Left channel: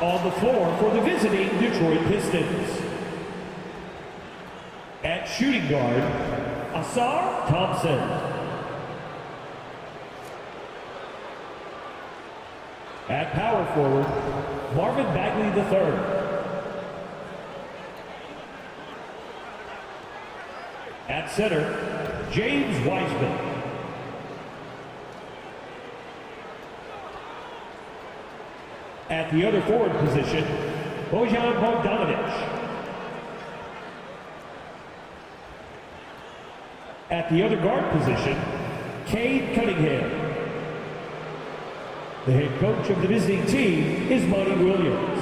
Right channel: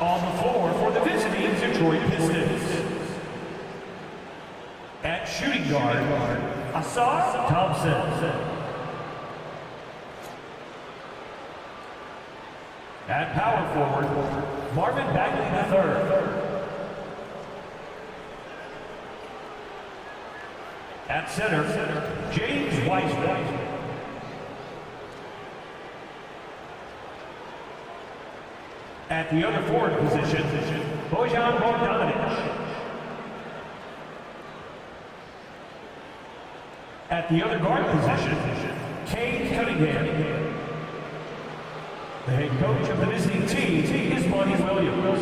On the floor for the visiting Detroit Pistons. At shooting guard, Asar Thompson. At power forward, Marvin Bagley III. At center, James Wiseman. At the other forward position, Bojan Bogdanovic. At the other guard position, Cade Cunningham. The head coach of the visiting team is Monty Williams.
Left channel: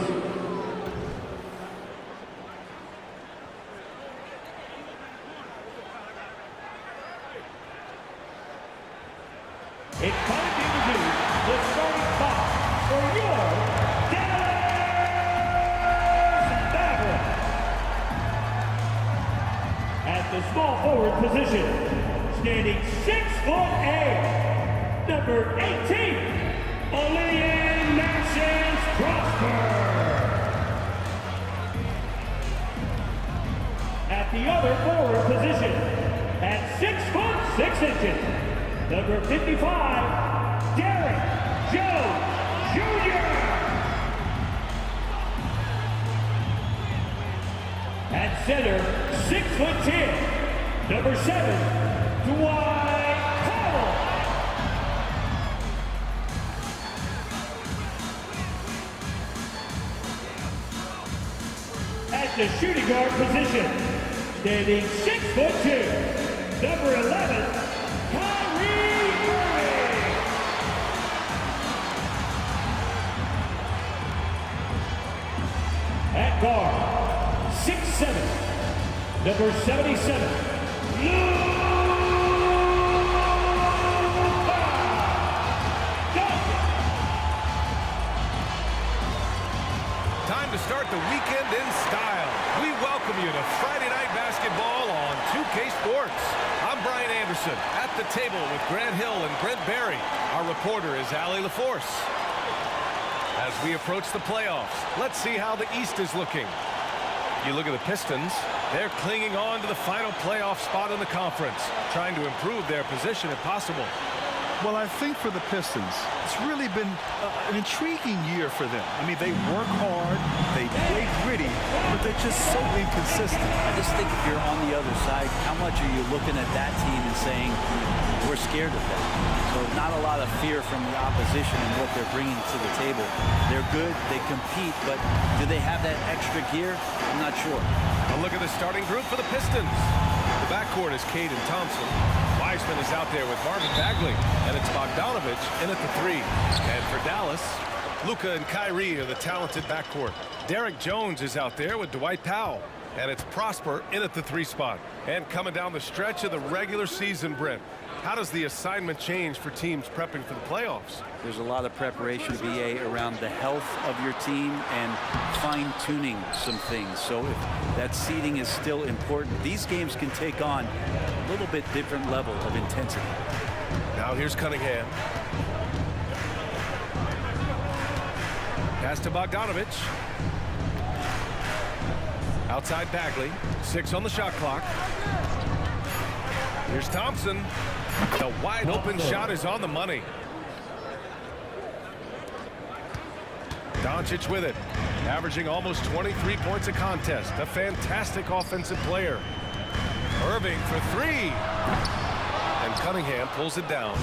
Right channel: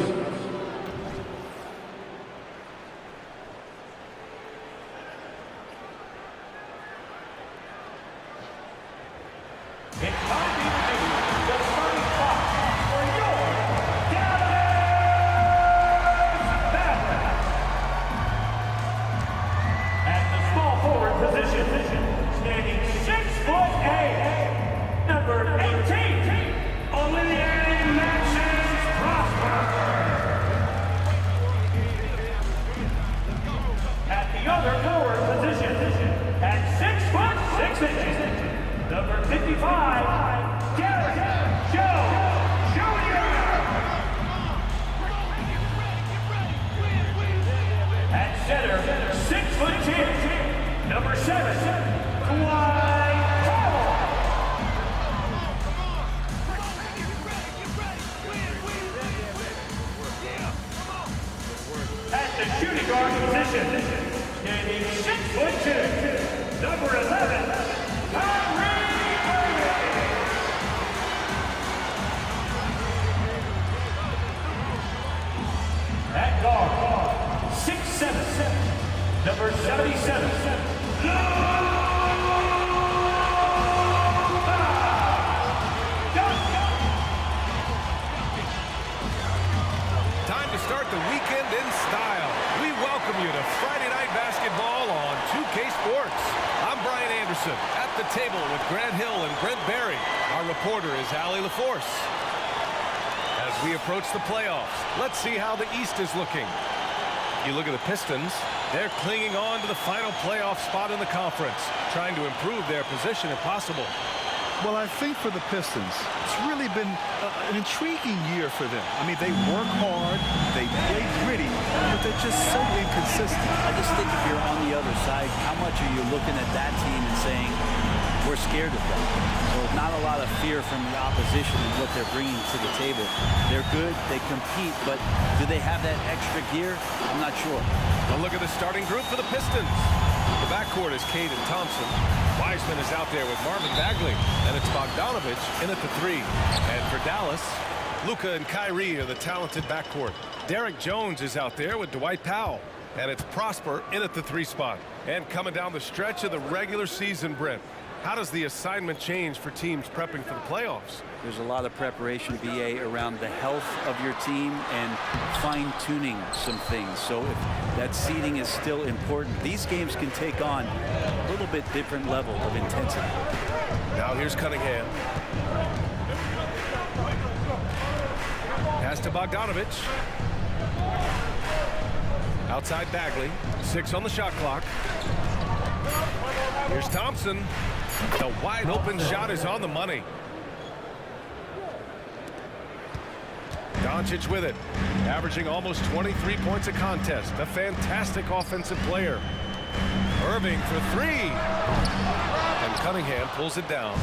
It's time to introduce the starting five for your Mavericks. At the small forward position, standing 6'8", number 18, Olivier Maxence Prosper. At the other forward position, at 6'6", number 55, Derek Jones Jr. At center, 6'10", number 7, Dwight Powell. At the shooting guard position, standing 6'2", number 11, Kyrie Irving. At guard, 6'7", number 77, Luka Doncic. Time to start the weekend in style. We welcome you to Friday Night Basketball on 2K Sports. I'm Brian Anderson at the table with Grant Hill and Brent Barry. Our reporter is Allie LaForce. As we approach the playoffs, let's see how the East is looking. You look at the Pistons, they're clinging on to the final playoff spot in the conference, trying to improve their position if possible. Well, I think for the Pistons, it's really been an intriguing year for them. I mean, they work hard, they play gritty, but they're just so inconsistent. I just think if you're on the other side, how much are you looking at that team and saying, we're scared of them? So not a lot of fear from the opposition and what they're bringing to the table. They're good, they compete, but do they have that extra gear? I'm not sure. A look at the starting group for the Pistons. The backcourt is Cade and Thompson. Wiseman is out there with Marvin Bagley, and it's Bogdanovic in at the 3. And for Dallas, Luka and Kyrie are the talented backcourt. Derek Jones is out there with Dwight Powell, and it's Prosper in at the 3 spot. And coming down the stretch of the regular season, Brent, how does the assignment change for teams prepping for the playoffs? There's a lot of preparation, BA, around the health of your team and fine-tuning some things. So if that seeding is still important, these games can take on a little bit different level of intensity. Now here's Cunningham. Pass to Bogdanovic. Outside Bagley. 6 on the shot clock. Here's Thompson. The wide open shot is on the money. Doncic with it, averaging almost 23 points a contest. A fantastic offensive player. Irving for 3. And Cunningham pulls it down.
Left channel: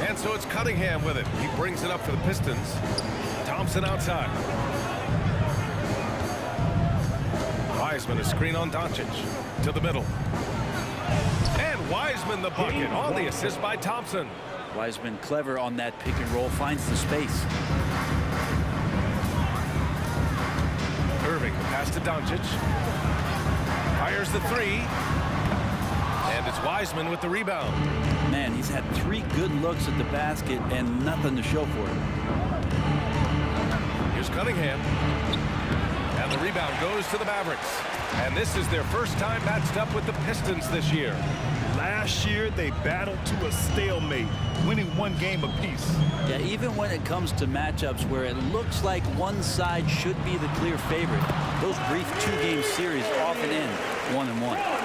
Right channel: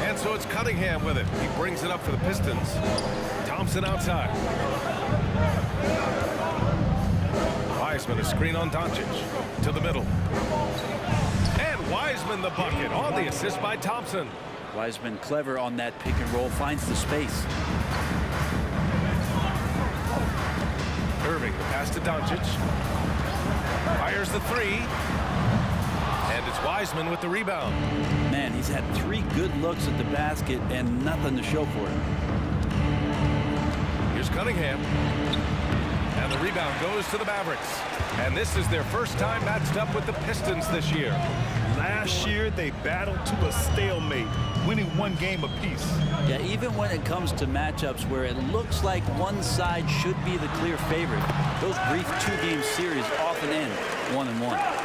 And so it's Cunningham with it. He brings it up for the Pistons. Thompson outside. Wiseman a screen on Doncic. To the middle. And Wiseman the bucket on the assist by Thompson. Wiseman clever on that pick and roll, finds the space. Irving, the pass to Doncic. Fires the 3. And it's Wiseman with the rebound. Man, he's had 3 good looks at the basket and nothing to show for it. Here's Cunningham. And the rebound goes to the Mavericks. And this is their first time matched up with the Pistons this year. Last year, they battled to a stalemate, winning one game apiece. Yeah, even when it comes to matchups where it looks like one side should be the clear favorite, those brief two-game series often end 1-1.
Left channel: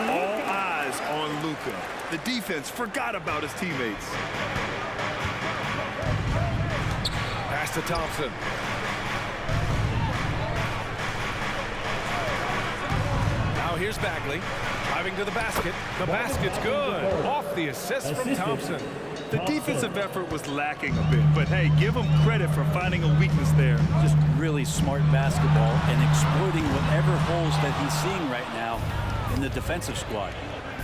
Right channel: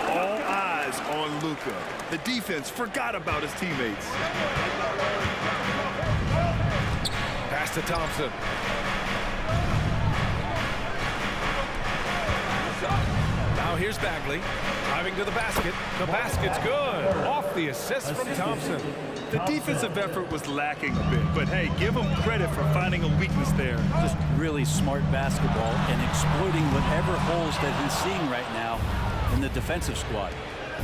All eyes on Luka. The defense forgot about his teammates. Pass to Thompson. Now here's Bagley. Driving to the basket. The basket's good. Off the assist from Thompson. The defensive effort was lacking a bit, but hey, give them credit for finding a weakness there. Just really smart basketball and exploiting whatever holes that he's seeing right now in the defensive squad.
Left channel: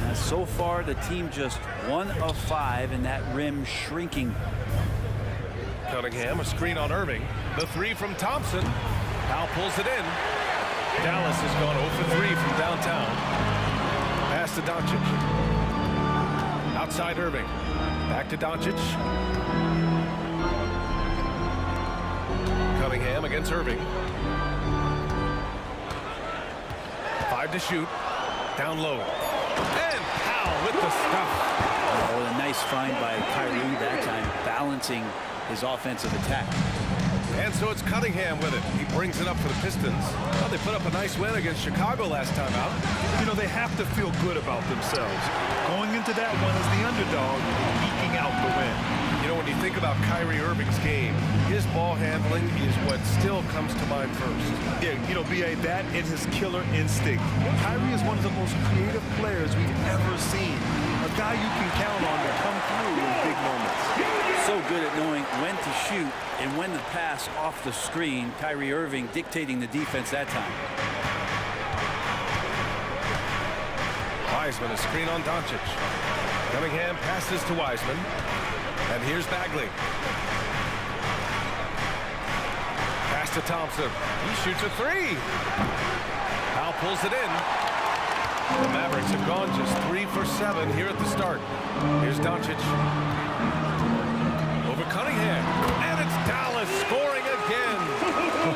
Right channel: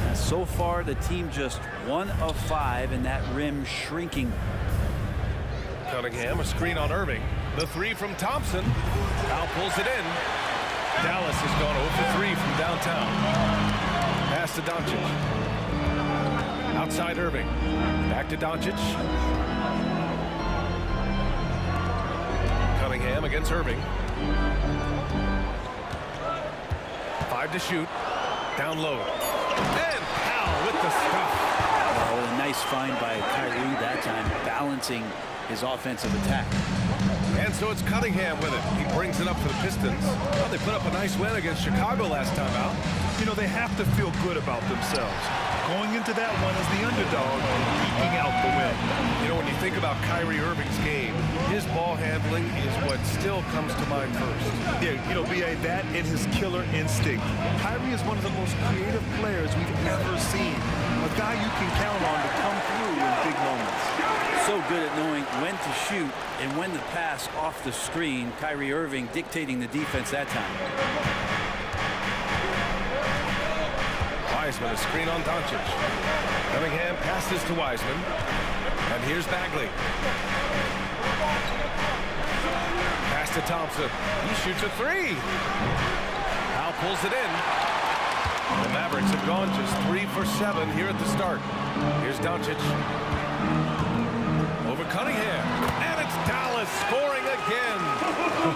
And so far, the team just 1 of 5 and that rim shrinking. Cunningham, a screen on Irving. The three from Thompson. Powell pulls it in. Dallas has gone 0 for 3 from downtown. Pass to Doncic. Outside Irving. Back to Doncic. Cunningham against Irving. 5 to shoot. Down low. And Powell with the stuff. Oh, a nice find by Kyrie that time, balancing his offensive attack. And so it's Cunningham with it. He brings it up for the Pistons. Well, they put up a nice win against Chicago last time out. You know, they have to feel good about themselves. Going into that one as the underdog and eking out the win. You know, when you think about Kyrie Irving's game, his ball handling is what still comes to mind first. Yeah, you know, B.A., that and his killer instinct. Kyrie is one of the most creative players we've ever seen. A guy you can count on to come through in big moments. So good at knowing when to shoot and when to pass off the screen. Kyrie Irving dictating the defense that time. Wiseman, a screen on Doncic. Cunningham passes to Wiseman. And here's Bagley. Pass to Thompson. He shoots a three. Powell pulls it in. The Mavericks have gone just 3 for 7 here at the start. Here's Doncic. Over Cunningham. And it's Dallas scoring again.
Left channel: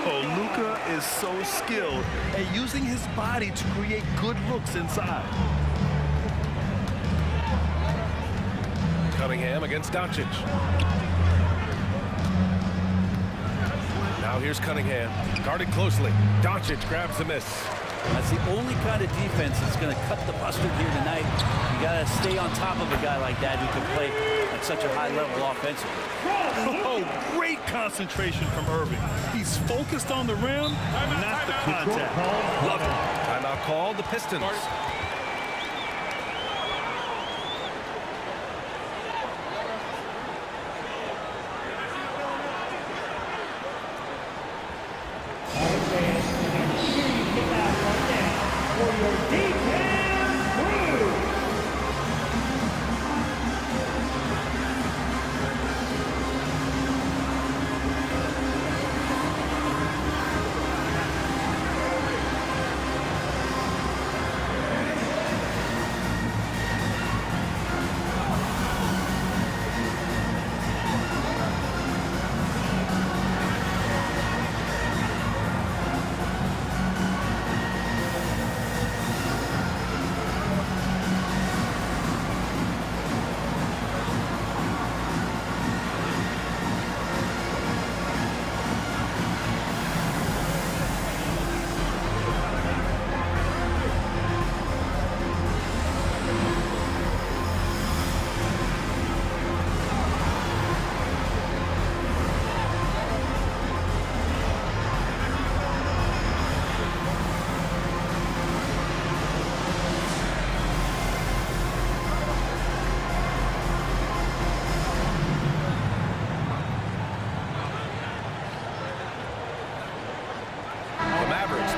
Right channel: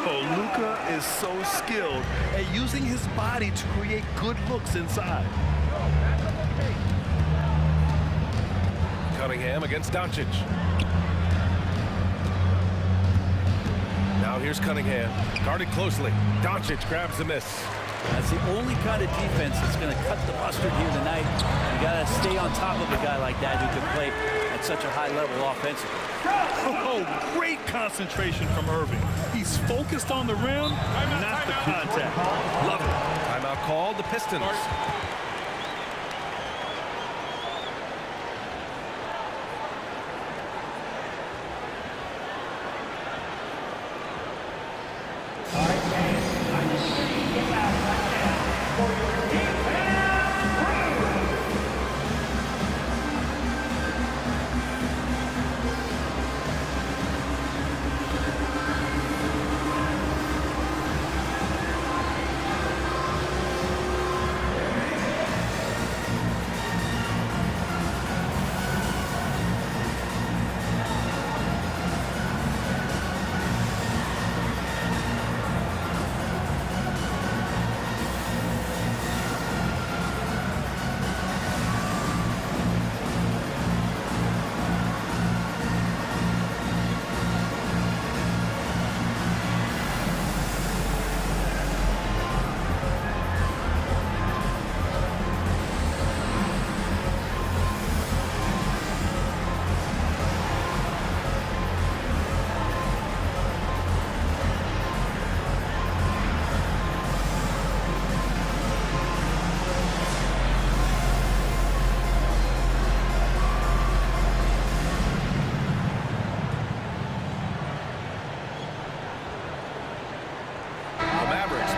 Oh, Luka is so skilled at using his body to create good looks inside. Cunningham against Doncic. Now here's Cunningham. Guarded closely. Doncic grabs the miss. That's the only kind of defense that's going to cut the mustard here tonight. You got to stay on top of a guy like that who can play at such a high level offensively. Oh, great concentration from Irving. He's focused on the rim, not the contact. Love it. Timeout called. The Pistons.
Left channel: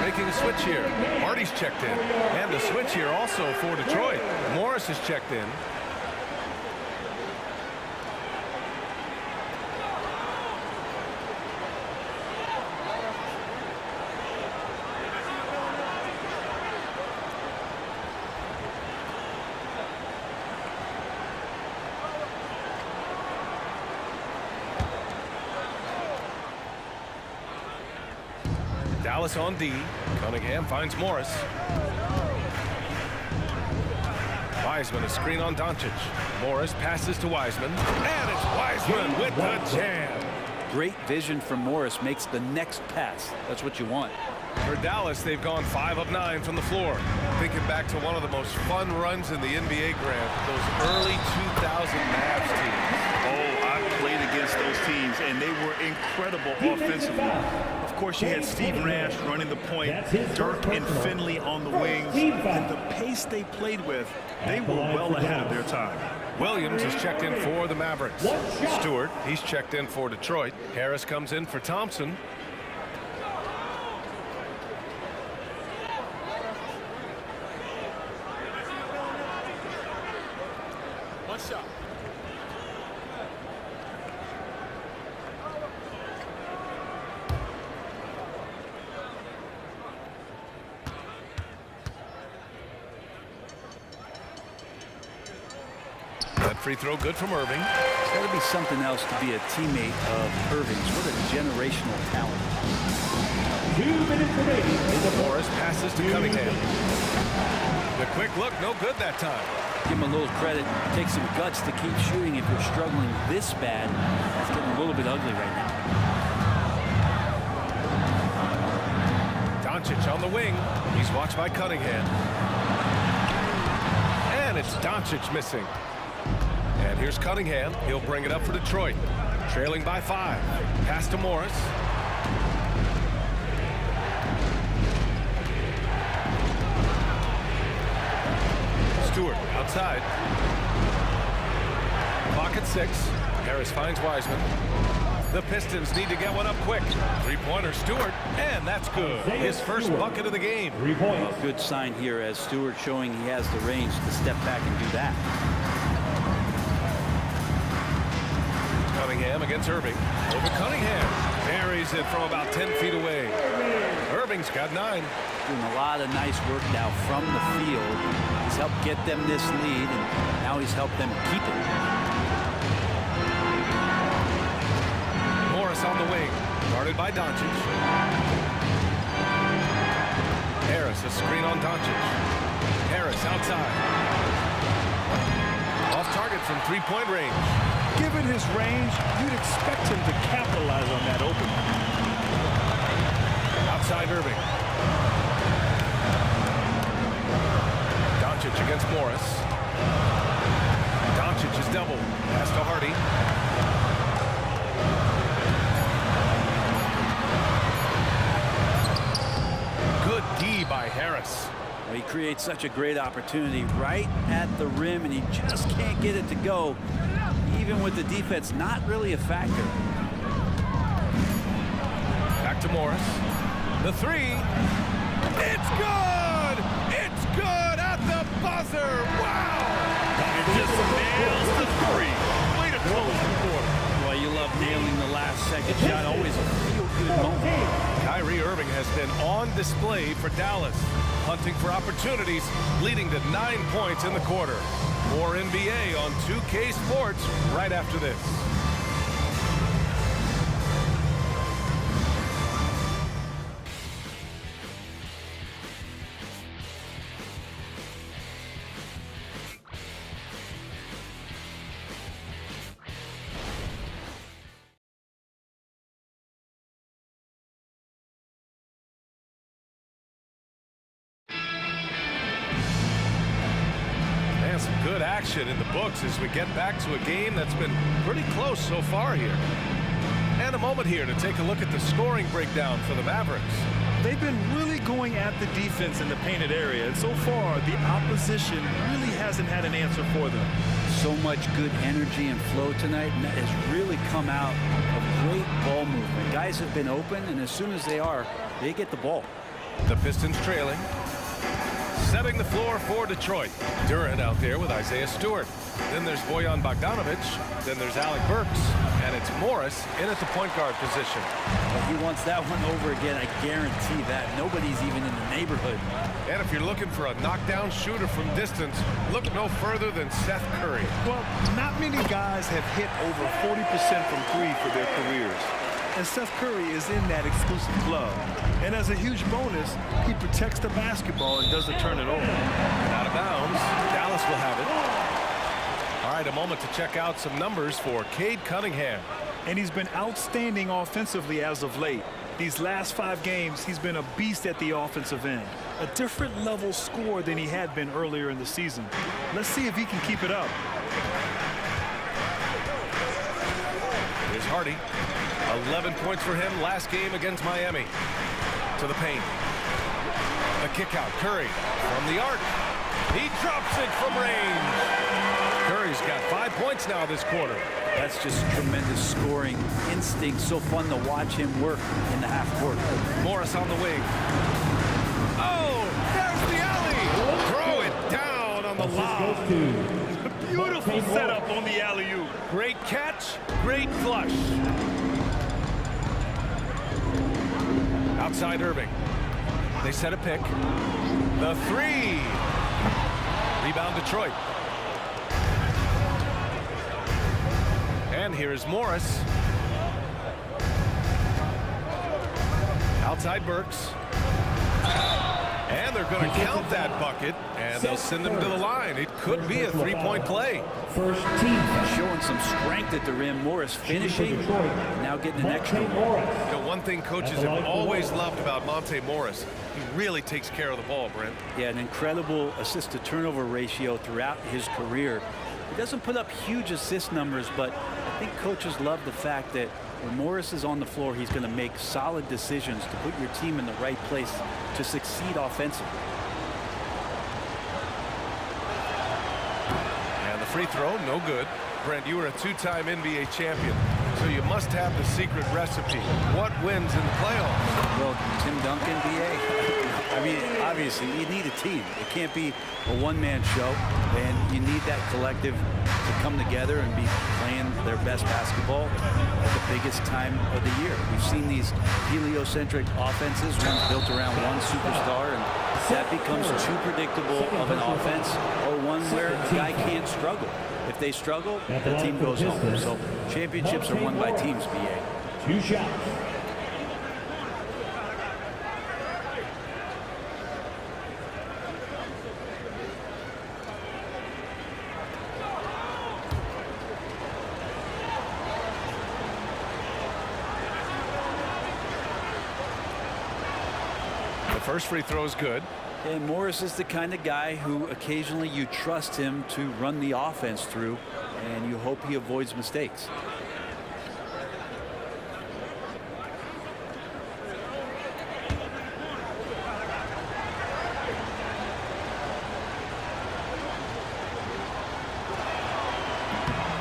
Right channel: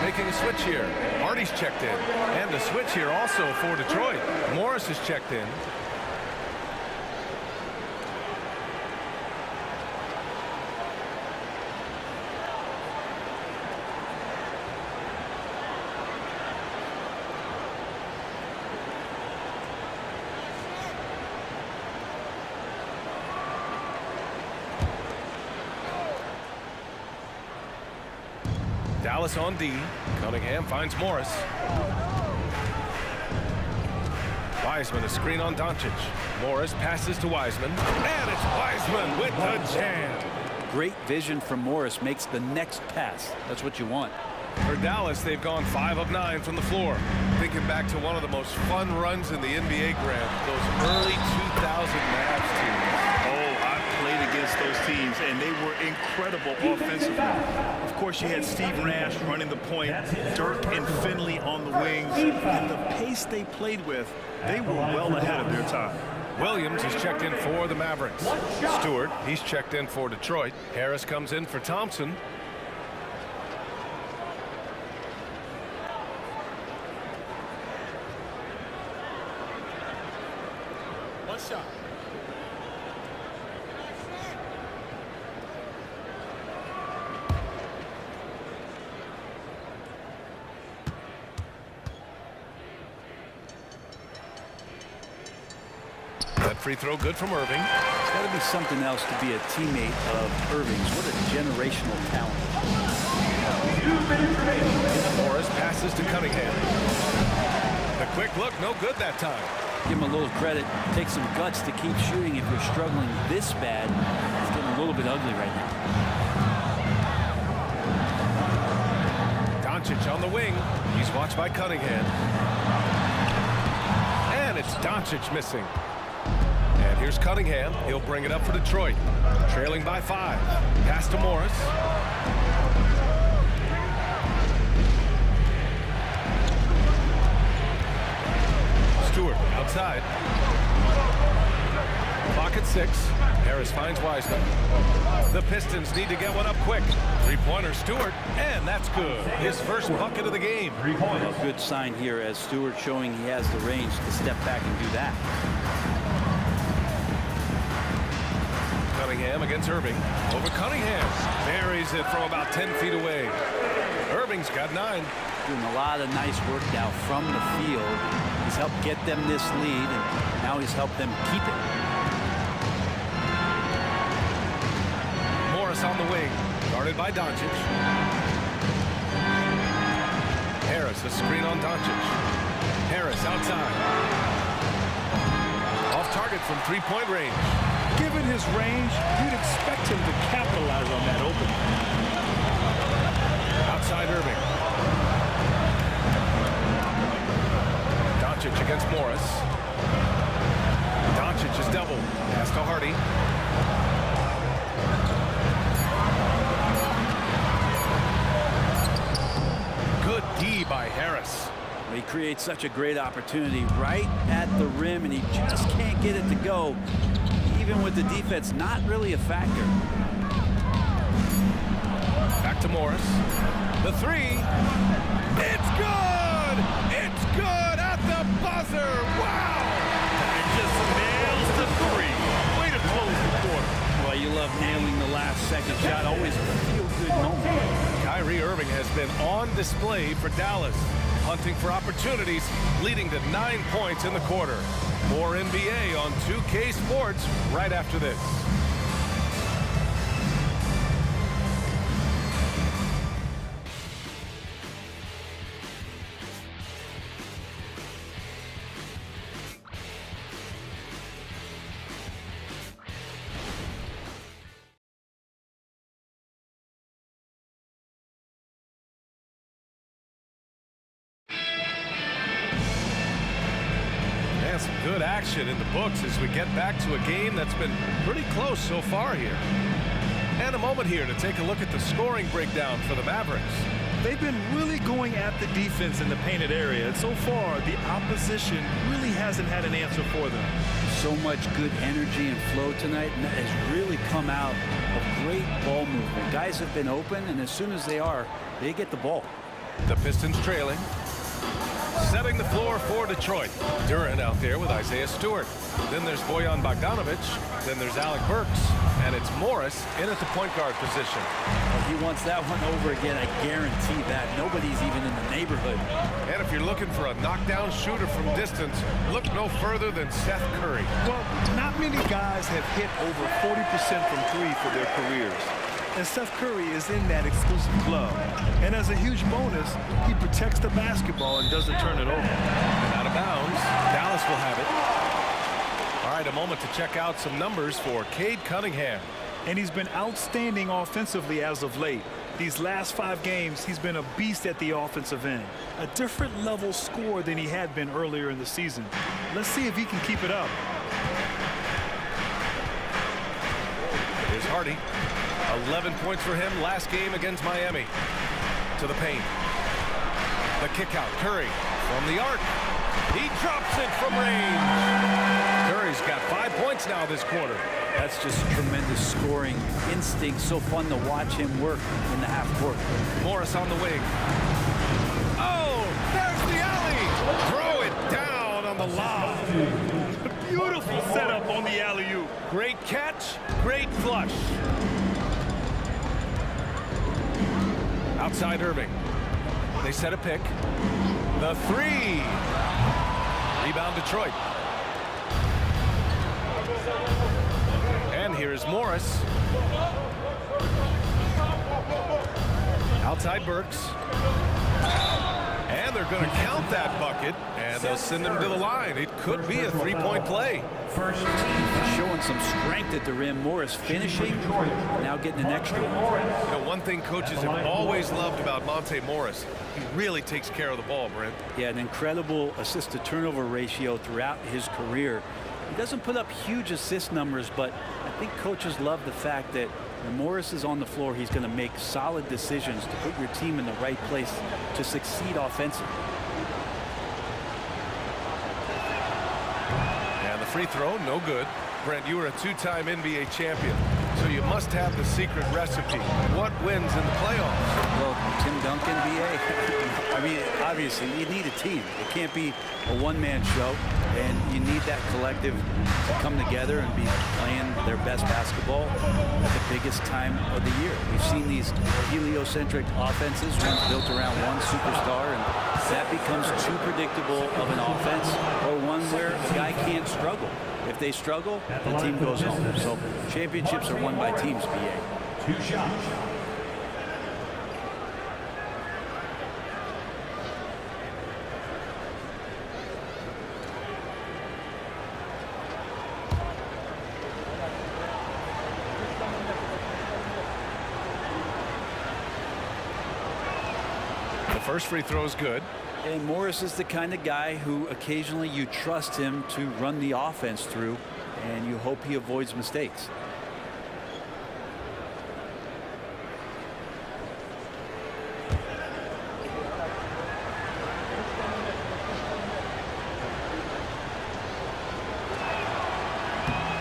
Making a switch here. Hardy's checked in. And a switch here also for Detroit. Morris has checked in. Dallas on D. Cunningham finds Morris. Wiseman, a screen on Doncic. Morris passes to Wiseman. And it's Wiseman with the jam. Great vision from Morris, makes the next pass. That's what you want. For Dallas, they've gone 5 of 9 from the floor. Thinking back to one of the most fun runs in the NBA, Grant, those early 2000 Mavs teams. Oh, I've played against those teams, and they were incredible offensively. Of course, you had Steve Nash running the point, Dirk and Finley on the wings, and the pace they played with, they were well ahead of their time. Williams is checked in for the Mavericks. Stewart, he's checked in for Detroit. Harris comes in for Thompson. One shot. That free throw good from Irving. It's got to be something else to be a teammate of Irving's. What a generational talent. 2 minutes remaining. Morris passes to Cunningham. The quick look, no good that time. Give him a little credit. Take some guts to keep shooting if you're struggling this bad. It's getting a little bit ugly right now. Doncic on the wing. He's watched by Cunningham. And it's Doncic missing. And here's Cunningham. He'll bring it up for Detroit. Trailing by 5. Pass to Morris. Stewart outside. Clock at 6. Harris finds Wiseman. The Pistons need to get one up quick. Three-pointer Stewart, and that's good. His first bucket of the game. 3 points. A good sign here as Stewart showing he has the range to step back and do that. Cunningham against Irving. Over Cunningham. Buries it from about 10 feet away. Irving's got 9. Doing a lot of nice work now from the field. He's helped get them this lead, and now he's helped them keep it. Morris on the wing. Guarded by Doncic. Harris, a screen on Doncic. Harris outside. Off target from three-point range. Given his range, you'd expect him to capitalize on that opening. Outside Irving. Doncic against Morris. Doncic is doubled. Pass to Hardy. Good D by Harris. Well, he creates such a great opportunity right at the rim, and he just can't get it to go. Even with the defense not really a factor. Back to Morris. The three. It's good! It's good at the buzzer! Wow! It just nails the three. Way to close the quarter. Well, you love nailing the last second shot. Always a feel-good moment. Kyrie Irving has been on display for Dallas, hunting for opportunities, leading to 9 points in the quarter. More NBA on 2K Sports right after this. And some good action in the books as we get back to a game that's been pretty close so far here. And a moment here to take a look at the scoring breakdown for the Mavericks. They've been really going at the defense in the painted area, and so far the opposition really hasn't had an answer for them. So much good energy and flow tonight, and that has really come out of great ball movement. Guys have been open, and as soon as they are, they get the ball. The Pistons trailing. Setting the floor for Detroit. Durant out there with Isaiah Stewart. Then there's Bojan Bogdanovic. Then there's Alec Burks. And it's Morris in at the point guard position. Well, he wants that one over again. I guarantee that. Nobody's even in the neighborhood. And if you're looking for a knockdown shooter from distance, look no further than Seth Curry. Well, not many guys have hit over 40% from three for their careers. and Steph Curry is in that exclusive club. And as a huge bonus, he protects the basketball and doesn't turn it over. And out of bounds, Dallas will have it. All right, a moment to check out some numbers for Cade Cunningham. And he's been outstanding offensively as of late. These last 5 games, he's been a beast at the offensive end. A different level score than he had been earlier in the season. Let's see if he can keep it up. Here's Hardy. 11 points for him last game against Miami. To the paint. The kick out. Curry from the arc. He drops it from range. Curry's got 5 points now this quarter. That's just tremendous scoring instinct. So fun to watch him work in the half court. Morris on the wing. Oh, there's the alley. Throw it down on the lob. Beautiful setup on the alley-oop. Great catch, great flush. Outside Irving. They set a pick. The 3. Rebound Detroit. And here's Morris. Outside Burks. And they're going to count that bucket, and they'll send him to the line. It could be a 3-point play. First team. Showing some strength at the rim. Morris finishing, now getting an extra one. You know, one thing coaches have always loved about Monte Morris, he really takes care of the ball, Brent. Yeah, an incredible assist-to-turnover ratio throughout his career. He doesn't put up huge assist numbers, but I think coaches love the fact that when Morris is on the floor, he's going to make solid decisions to put your team in the right place to succeed offensively. And the free throw, no good. Brent, you were a 2-time NBA champion, so you must have the secret recipe. What wins in the playoffs? Well, Tim Duncan, BA. I mean, obviously, you need a team. It can't be a one-man show, and you need that collective to come together and be playing their best basketball at the biggest time of the year. We've seen these heliocentric offenses, ones built around one superstar, and that becomes too predictable of an offense, or one where a guy can't struggle. If they struggle, the team goes home. So championships are won by teams, BA. 2 shots. The first free throw is good. And Morris is the kind of guy who occasionally you trust him to run the offense through, and you hope he avoids mistakes.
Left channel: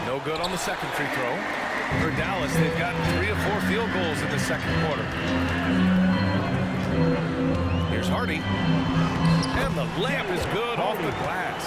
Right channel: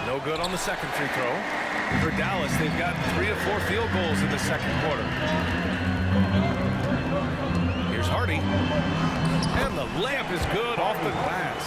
No good on the second free throw. For Dallas, they've gotten 3 of 4 field goals in the second quarter. Here's Hardy. And the layup is good off the glass.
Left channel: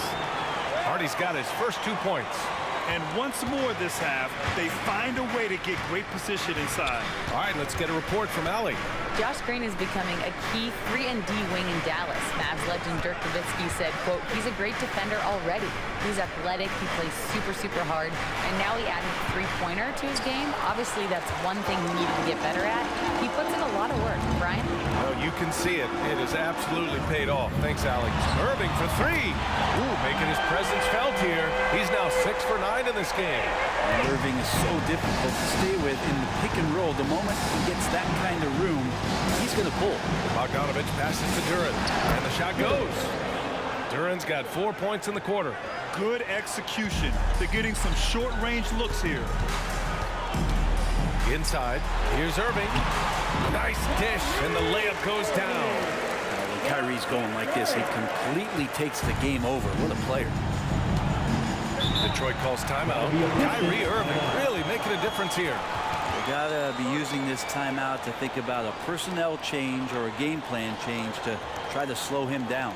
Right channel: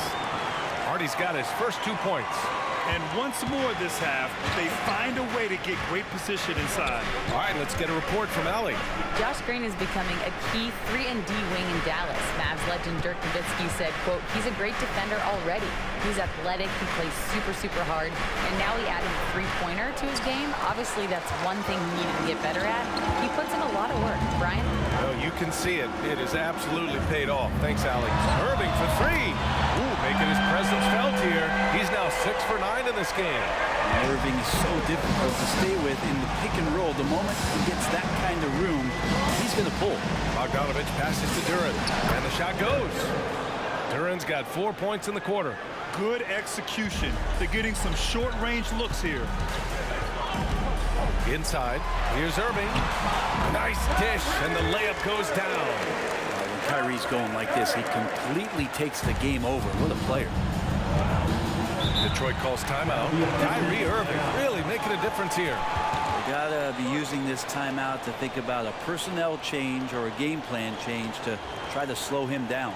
Hardy's got his first 2 points. And once more this half, they find a way to get great position inside. All right, let's get a report from Allie. Josh Green is becoming a key 3-and-D wing in Dallas. Mavs legend Dirk Nowitzki said, quote, he's a great defender already. He's athletic, he plays super, super hard, and now he added a 3-pointer to his game. Obviously, that's one thing he needed to get better at. He puts in a lot of work. Brian? Well, you can see it. It has absolutely paid off. Thanks, Allie. Irving for 3. Ooh, making his presence felt here. He's now 6 for 9 in this game. And Irving is so difficult to stay with in the pick and roll. The moment he gets that kind of room, he's going to pull. Bogdanovich passes to Duren, and the shot goes. Duren's got 4 points in the quarter. Good execution. They're getting some short-range looks here. Inside, here's Irving. Nice dish, and the layup goes down. When Kyrie's going like this, he completely takes the game over. What a player. Detroit calls timeout. Kyrie Irving really making a difference here. They gotta be using this timeout to think about a personnel change or a game plan change to try to slow him down.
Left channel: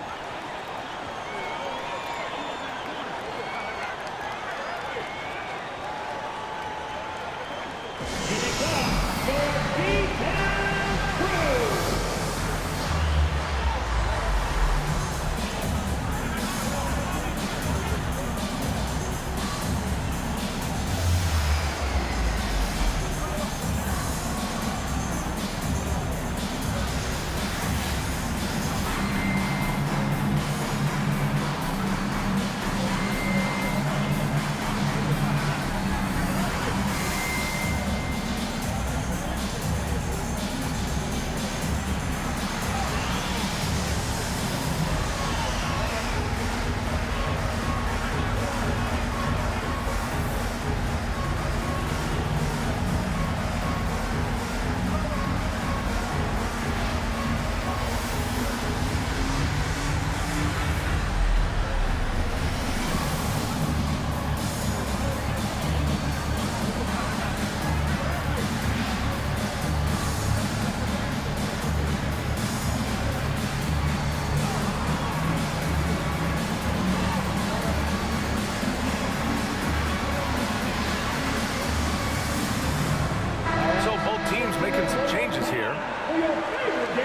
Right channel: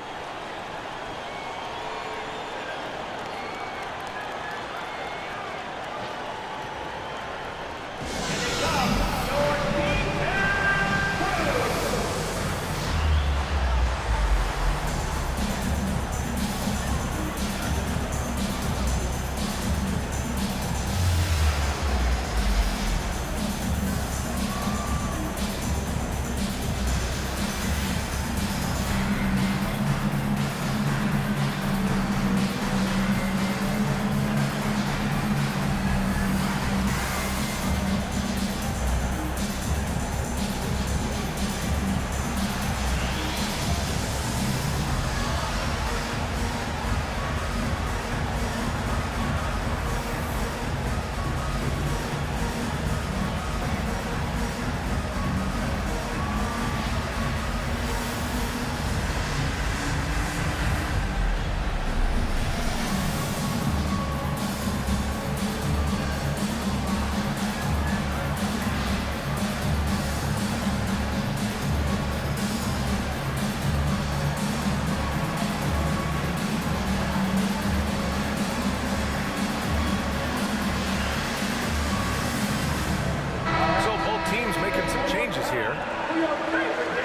show both teams making some changes here.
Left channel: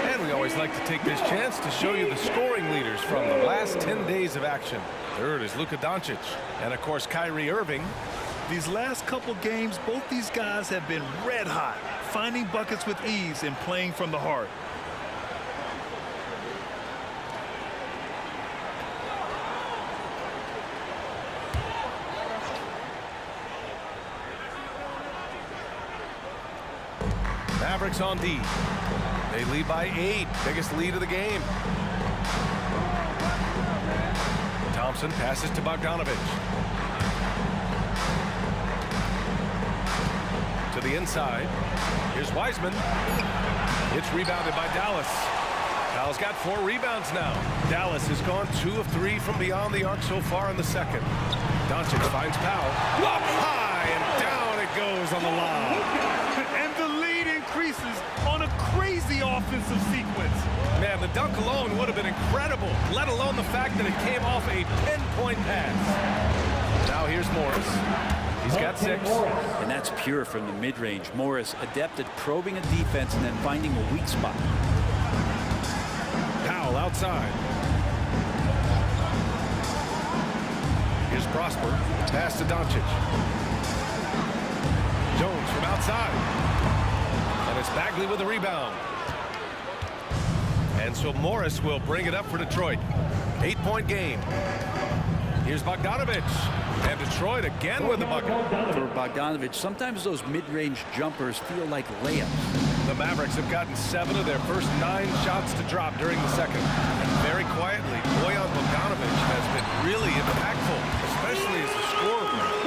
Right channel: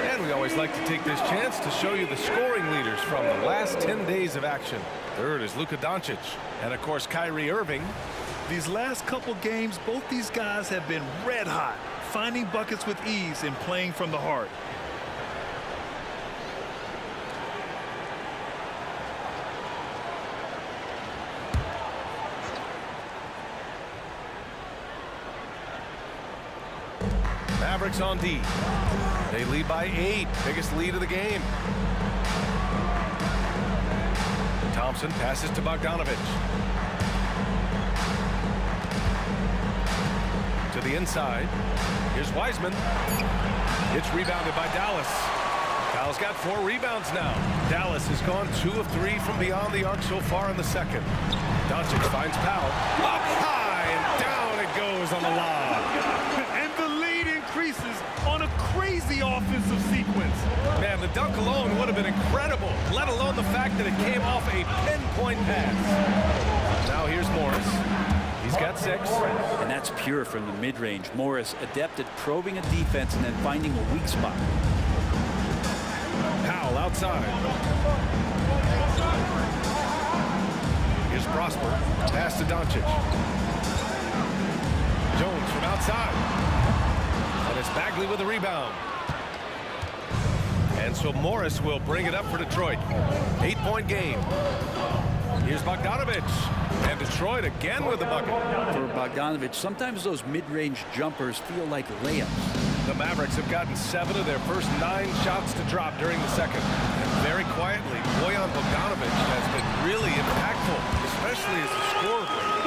And we always like to take this chance to show you the scoring leaders from the last 10 days of action. Third is Luka Doncic. And, of course, Kyrie Irving. These last couple games, both these guys have been red hot, finding buckets with ease and playing from the heart. Mavericks on D. They lead by 8. Biggest lead of the game. Thompson passes to Bogdanovic. To the inside. Here's Wiseman. It's rebounded by Dallas. Powell's got 4 rebounds now. Dallas has gone 2 of 3 from beyond the arc so far in the second. Doncic finds Powell. Up high and down it goes on the lob. And the lead increases on a crazy offensive sequence. Man, the dunk alone would have been incredible, let alone the fact that it came off a pinpoint pass. Now here's Morris. He's got 6. And that's pure from the mid-range. Morris adept at probing a defense and then finding a weak spot. Powell outside. Here's Prosper. Pass to Doncic. Jones from outside. And it's Bagley with the rebound. And so Morris will bring it up for Detroit. 8-point game. Here's Bogdanovic. And Detroit again with the bucket. For Bogdanovic, sometimes those mid-range jumpers feel like layups. The Mavericks have gotten 7 of their first 9 shots to drop during the second. And very quietly, Bojan Bogdanovic has been really impactful, especially as a scorer.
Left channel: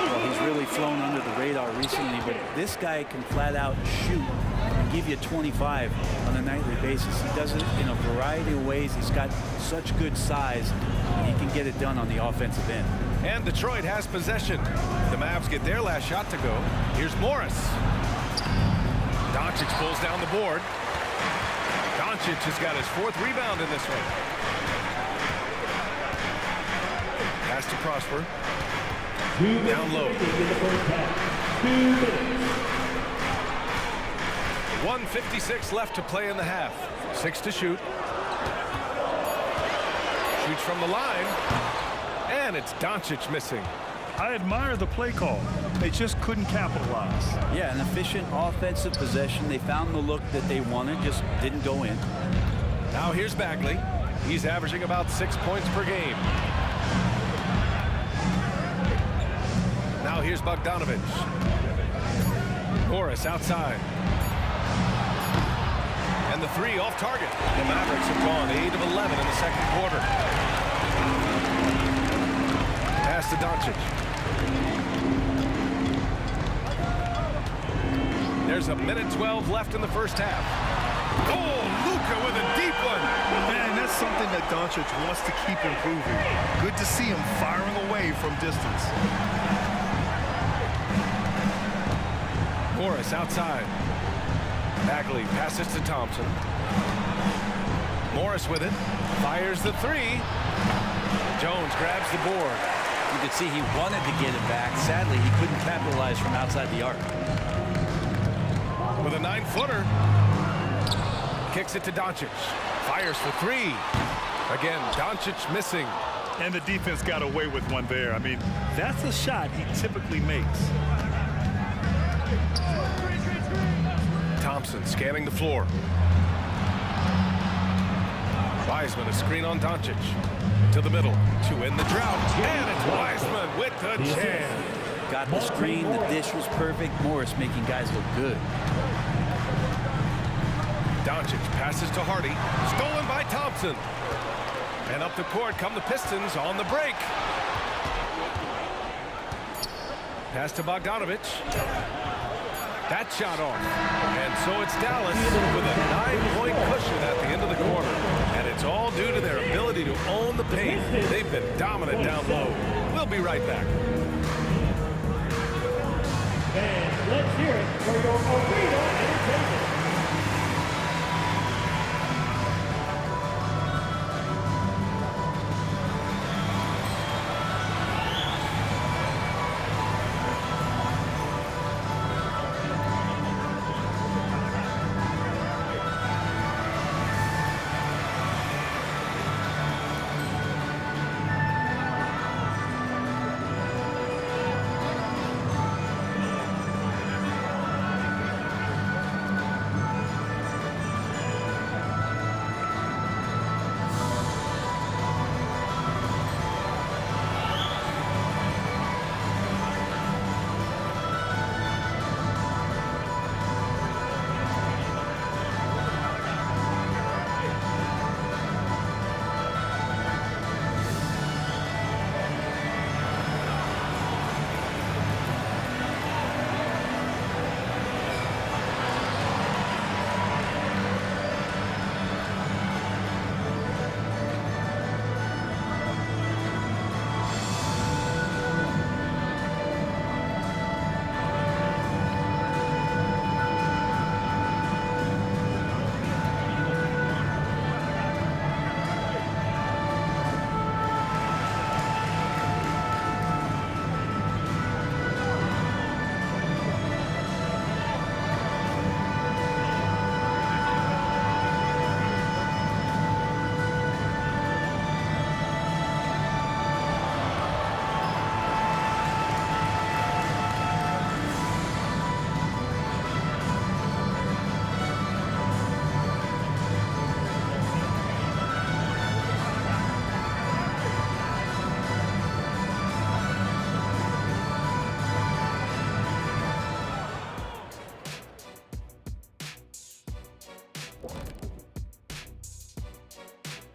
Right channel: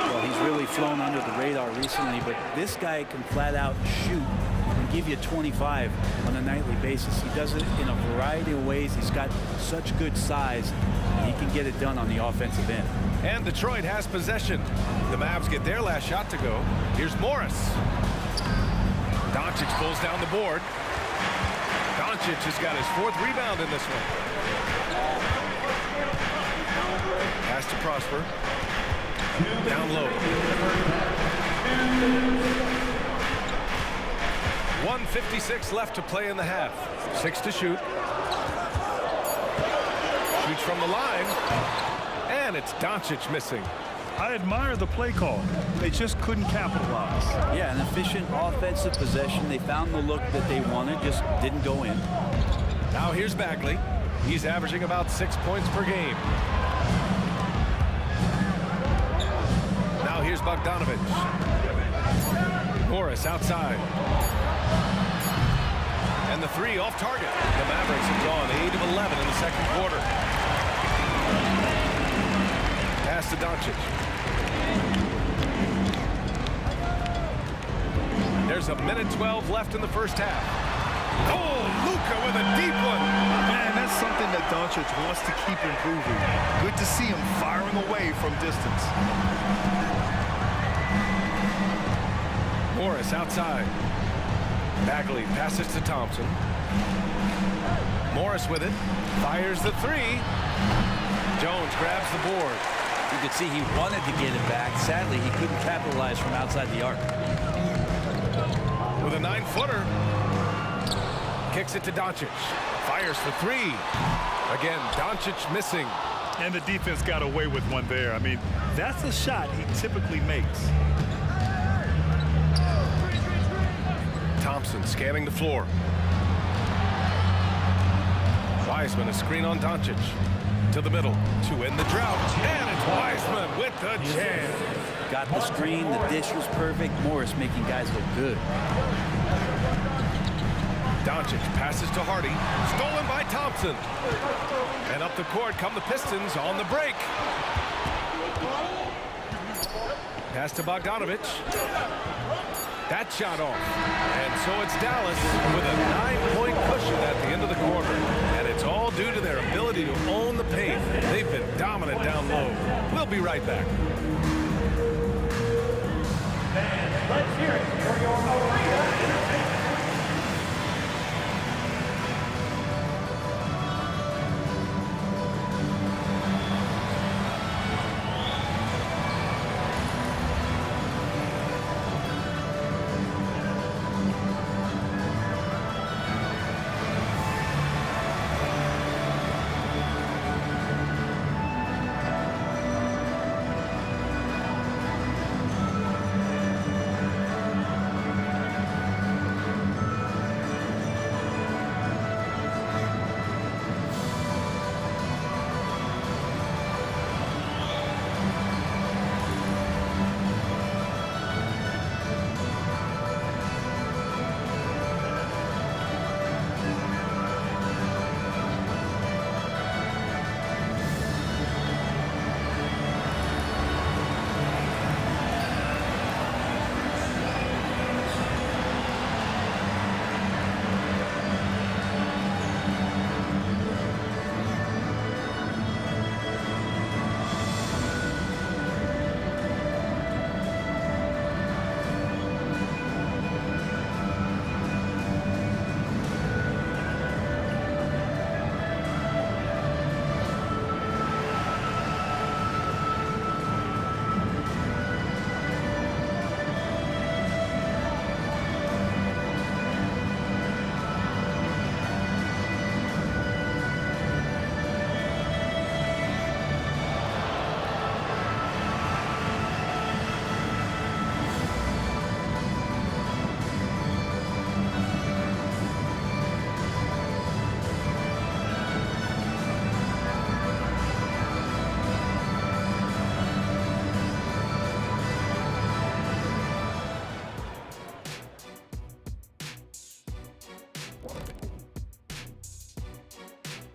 Well, he's really flown under the radar recently, but this guy can flat out shoot and give you 25 on a nightly basis. He does it in a variety of ways. He's got such good size, and he can get it done on the offensive end. And Detroit has possession. The Mavs get their last shot to go. Here's Morris. Doncic pulls down the board. Doncic has got his 4th rebound in this one. Pass to Prosper. Down low. 1:56 left to play in the half. 6 to shoot. Shoots from the line. And it's Doncic missing. I admire the play call. They just couldn't capitalize. Yeah, an efficient offensive possession. They found the look that they wanted, just didn't go in. Now here's Bagley. He's averaging about 6 points per game. Now here's Bogdanovic. Morris outside. And the 3 off target. The Mavericks have gone 8 of 11 in the second quarter. Pass to Doncic. There's a minute 12 left in the first half. Oh, Luka with a deep one. Man, that's something that Doncic wants to keep improving. Good to see him firing away from distance. Morris outside. Bagley passes to Thompson. Morris with it. Fires the 3. Jones grabs the board. You could see he wanted to get it back. Sadly, he couldn't capitalize from outside the arc. With a 9-footer. Kicks it to Doncic. Fires for 3. Again, Doncic missing. And the defense got away with one there. I mean, that's a shot he typically makes. Thompson scanning the floor. Wiseman a screen on Doncic. To the middle to end the drought. And it's Wiseman with the jam. Got the screen. The dish was perfect. Morris making guys look good. Doncic passes to Hardy. Stolen by Thompson. And up the court come the Pistons on the break. Pass to Bogdanovic. That shot off. And so it's Dallas with a 9-point cushion at the end of the quarter. And it's all due to their ability to own the paint. They've been dominant down low. We'll be right back. Fans, let's hear it for your arena entertainment.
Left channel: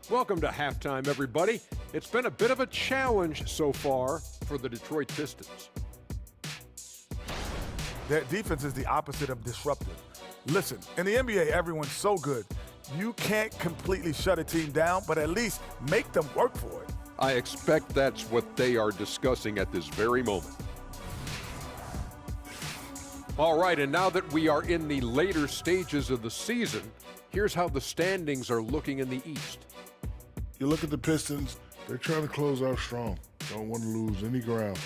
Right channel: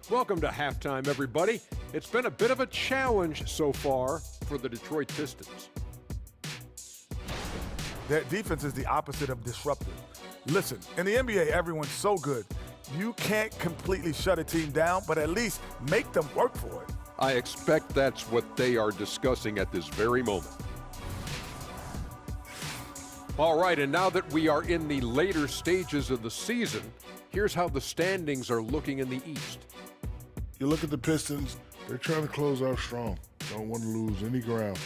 Welcome to halftime, everybody. It's been a bit of a challenge so far for the Detroit Pistons. Their defense is the opposite of disruptive. Listen, in the NBA, everyone's so good. You can't completely shut a team down, but at least make them work for it. I expect that's what they are discussing at this very moment. All right, and now that we are in the later stages of the season, here's how the standings are looking in the East. You look at the Pistons, they're trying to close out strong. Don't want to lose any ground.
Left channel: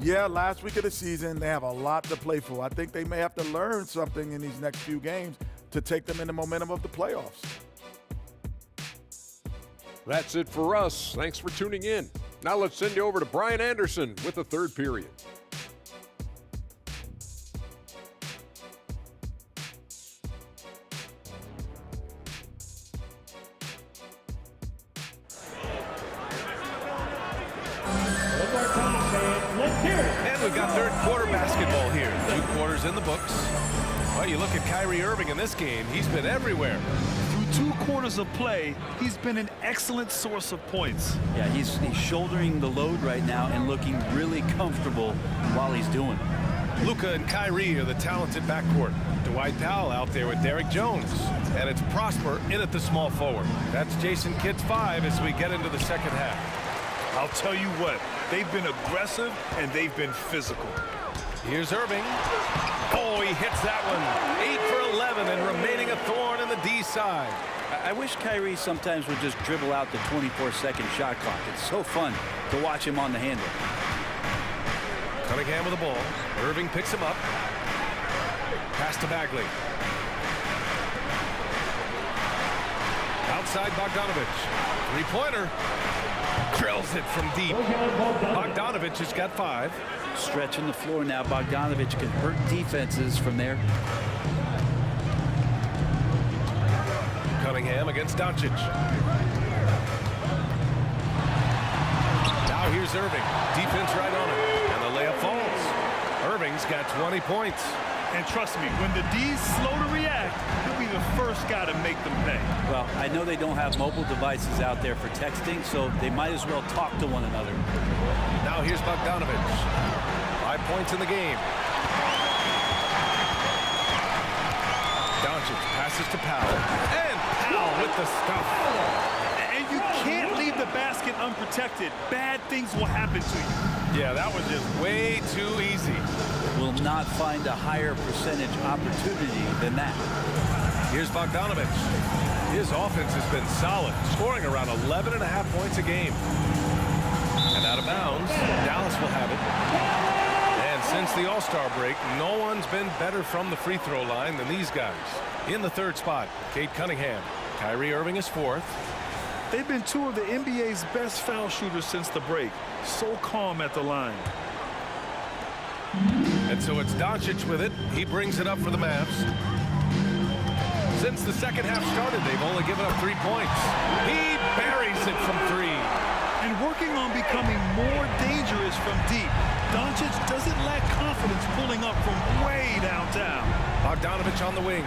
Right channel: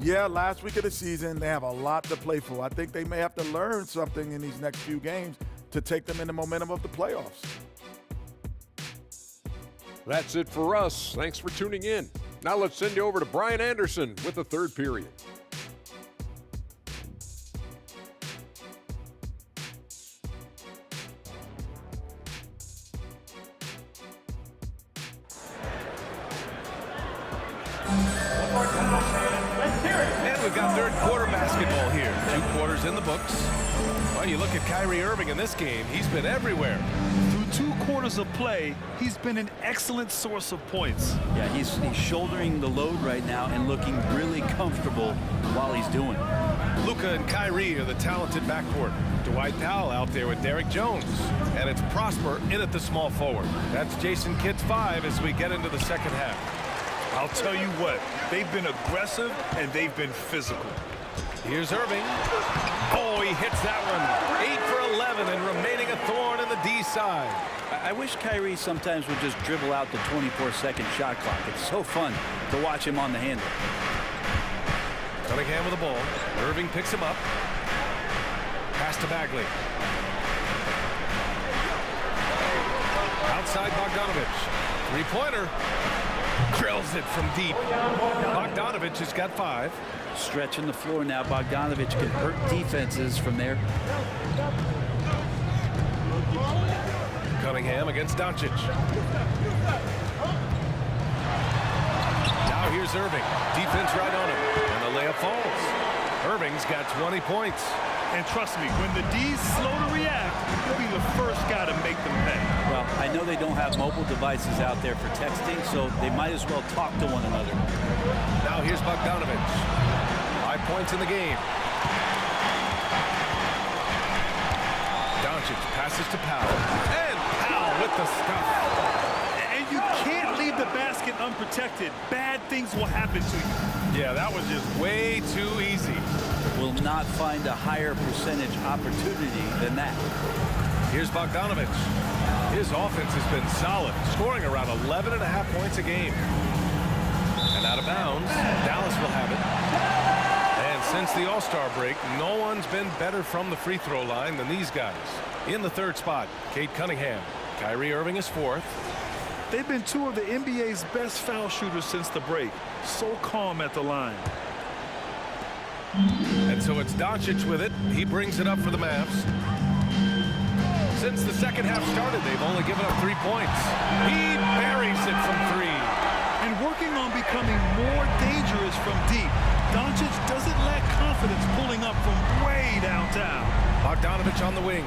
Yeah, last week of the season, they have a lot to play for. I think they may have to learn something in these next few games to take them in the momentum of the playoffs. That's it for us. Thanks for tuning in. Now let's send you over to Brian Anderson with the third period. And we've got third quarter basketball here. 2 quarters in the books. Well, you look at Kyrie Irving in this game. He's been everywhere. Through 2 quarters of play, he's been an excellent source of points. Yeah, he's shouldering the load right now and looking really comfortable while he's doing it. Luka and Kyrie are the talented backcourt. Dwight Powell out there with Derek Jones. And it's Prosper in at the small forward. That's Jason Kidd's 5 as we get into the second half. I'll tell you what, they've been aggressive and they've been physical. Here's Irving. Oh, he hits that one. 8 for 11 and remaining a thorn in the D side. I wish Kyrie sometimes would just dribble out the 24-second shot clock. It's so fun to watch him on the handle. Cunningham with the ball. Irving picks him up. Pass to Bagley. Outside Bogdanovich. Three-pointer. Drills it from deep. Bogdanovich has got 5. Stretching the floor now. Bogdanovich can hurt defenses from there. Cunningham against Doncic. Now here's Irving. Defense right on him. And the layup falls. Irving's got 20 points. And trust me, when the D's slow to react, he'll be the first guy to make them pay. Well, I know they don't have mobile devices out there for texting, so they might as well talk to one another. Now here's Bogdanovich. 5 points in the game. Doncic passes to Powell. And Powell with the stuff. And you can't leave the basket unprotected. Bad things will happen to you. Yeah, that was just way too easy. Will not find a higher percentage opportunity than that. Here's Bogdanovich. His offense has been solid, scoring around 11.5 points a game. And out of bounds, Dallas will have it. And since the All-Star break, no one's been better from the free throw line than these guys. In the third spot, Cade Cunningham. Kyrie Irving is 4th. They've been 2 of the NBA's best foul shooters since the break. So calm at the line. And so it's Doncic with it. He brings it up for the Mavs. Since the second half started, they've only given up 3 points. He buries it from 3. And working on becoming more dangerous from deep. Doncic doesn't lack confidence pulling up from way downtown. Bogdanovich on the wing.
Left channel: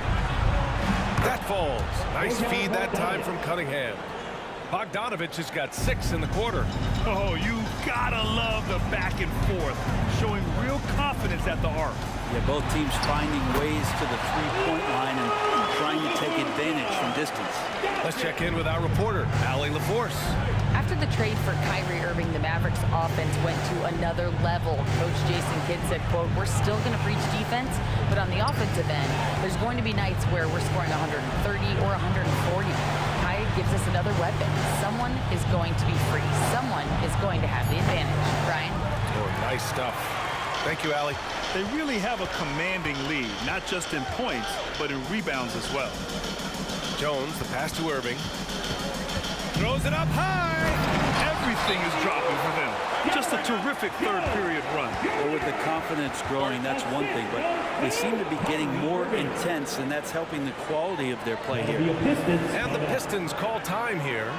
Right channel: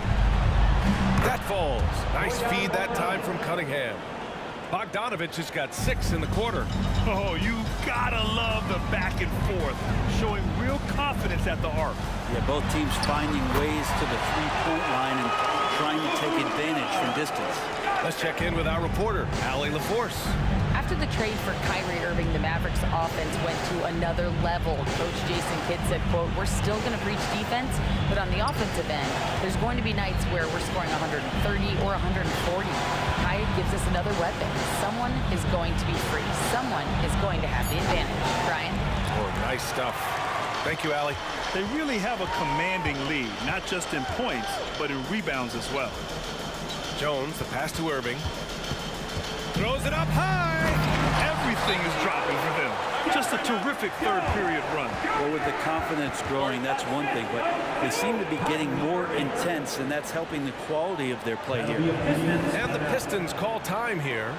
That falls. Nice feed that time from Cunningham. Bogdanovich has got 6 in the quarter. Oh, you gotta love the back and forth, showing real confidence at the arc. Yeah, both teams finding ways to the three-point line and trying to take advantage from distance. Let's check in with our reporter, Allie LaForce. After the trade for Kyrie Irving, the Mavericks offense went to another level. Coach Jason Kidd said, quote, "We're still going to preach defense, but on the offensive end, there's going to be nights where we're scoring 130 or 140. Kyrie gives us another weapon. Someone is going to be free. Someone is going to have the advantage." Brian? Oh, nice stuff. Thank you, Allie. They really have a commanding lead, not just in points, but in rebounds as well. Jones, the pass to Irving. Throws it up high. Everything is dropping for them. Just a terrific third period run. Well, with the confidence growing, that's one thing, but they seem to be getting more intense, and that's helping the quality of their play here. And the Pistons call time here.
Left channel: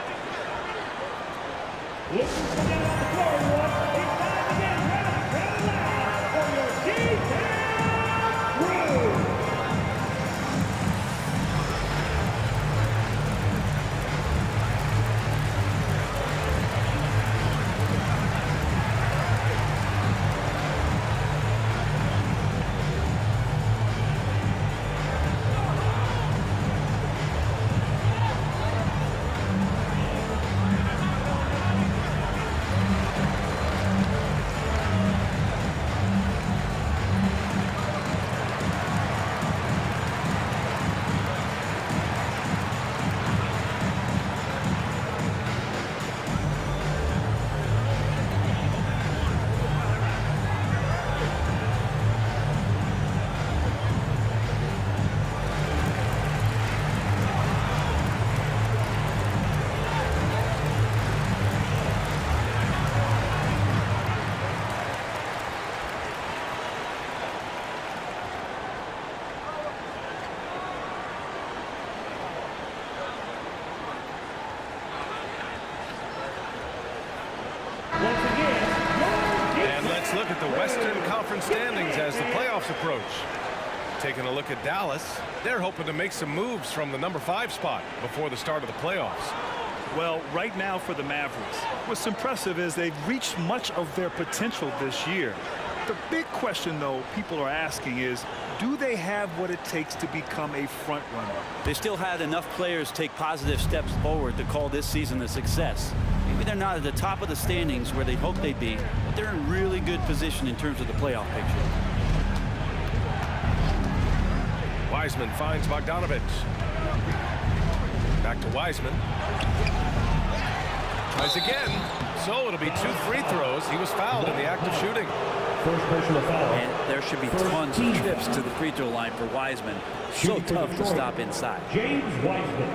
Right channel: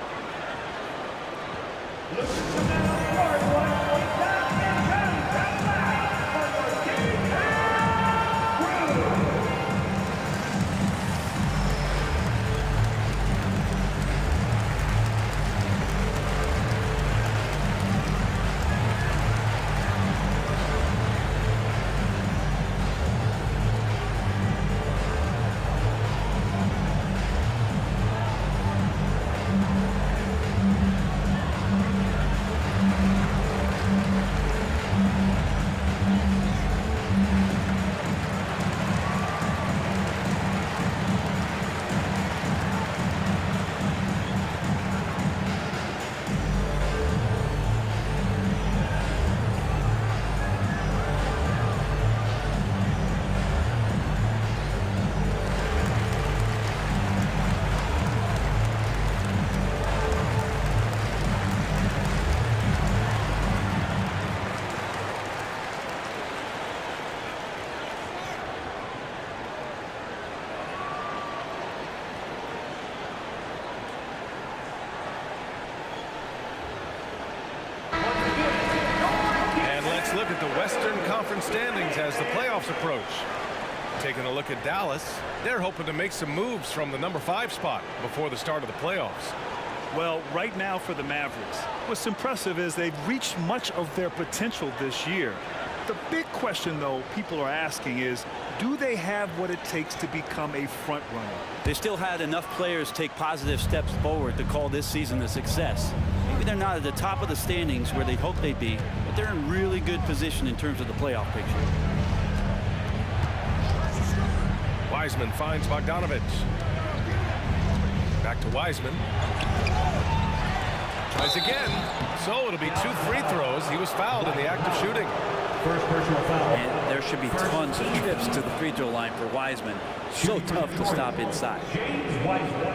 look at the Western Conference standings as the playoffs approach. Taking a look at Dallas, they're hoping to make some moves from the number 5 spot before the start of the playoffs. Well, right now for the Mavericks, what's impressive is they've reached much of their potential this year. The big question, though, people are asking is, do they have what it takes to become a front runner? They still had enough players take positive steps forward to call this season a success. Maybe they're not at the top of the standings where they'd hope they'd be, but they're in really good position in terms of the playoff picture. Wiseman finds Bogdanovich. Back to Wiseman. Tries again. So it'll be 2 free throws. He was fouled in the act of shooting. First personal foul. And there should be tons of trips to the free throw line for Wiseman. So tough to stop inside. James Wiseman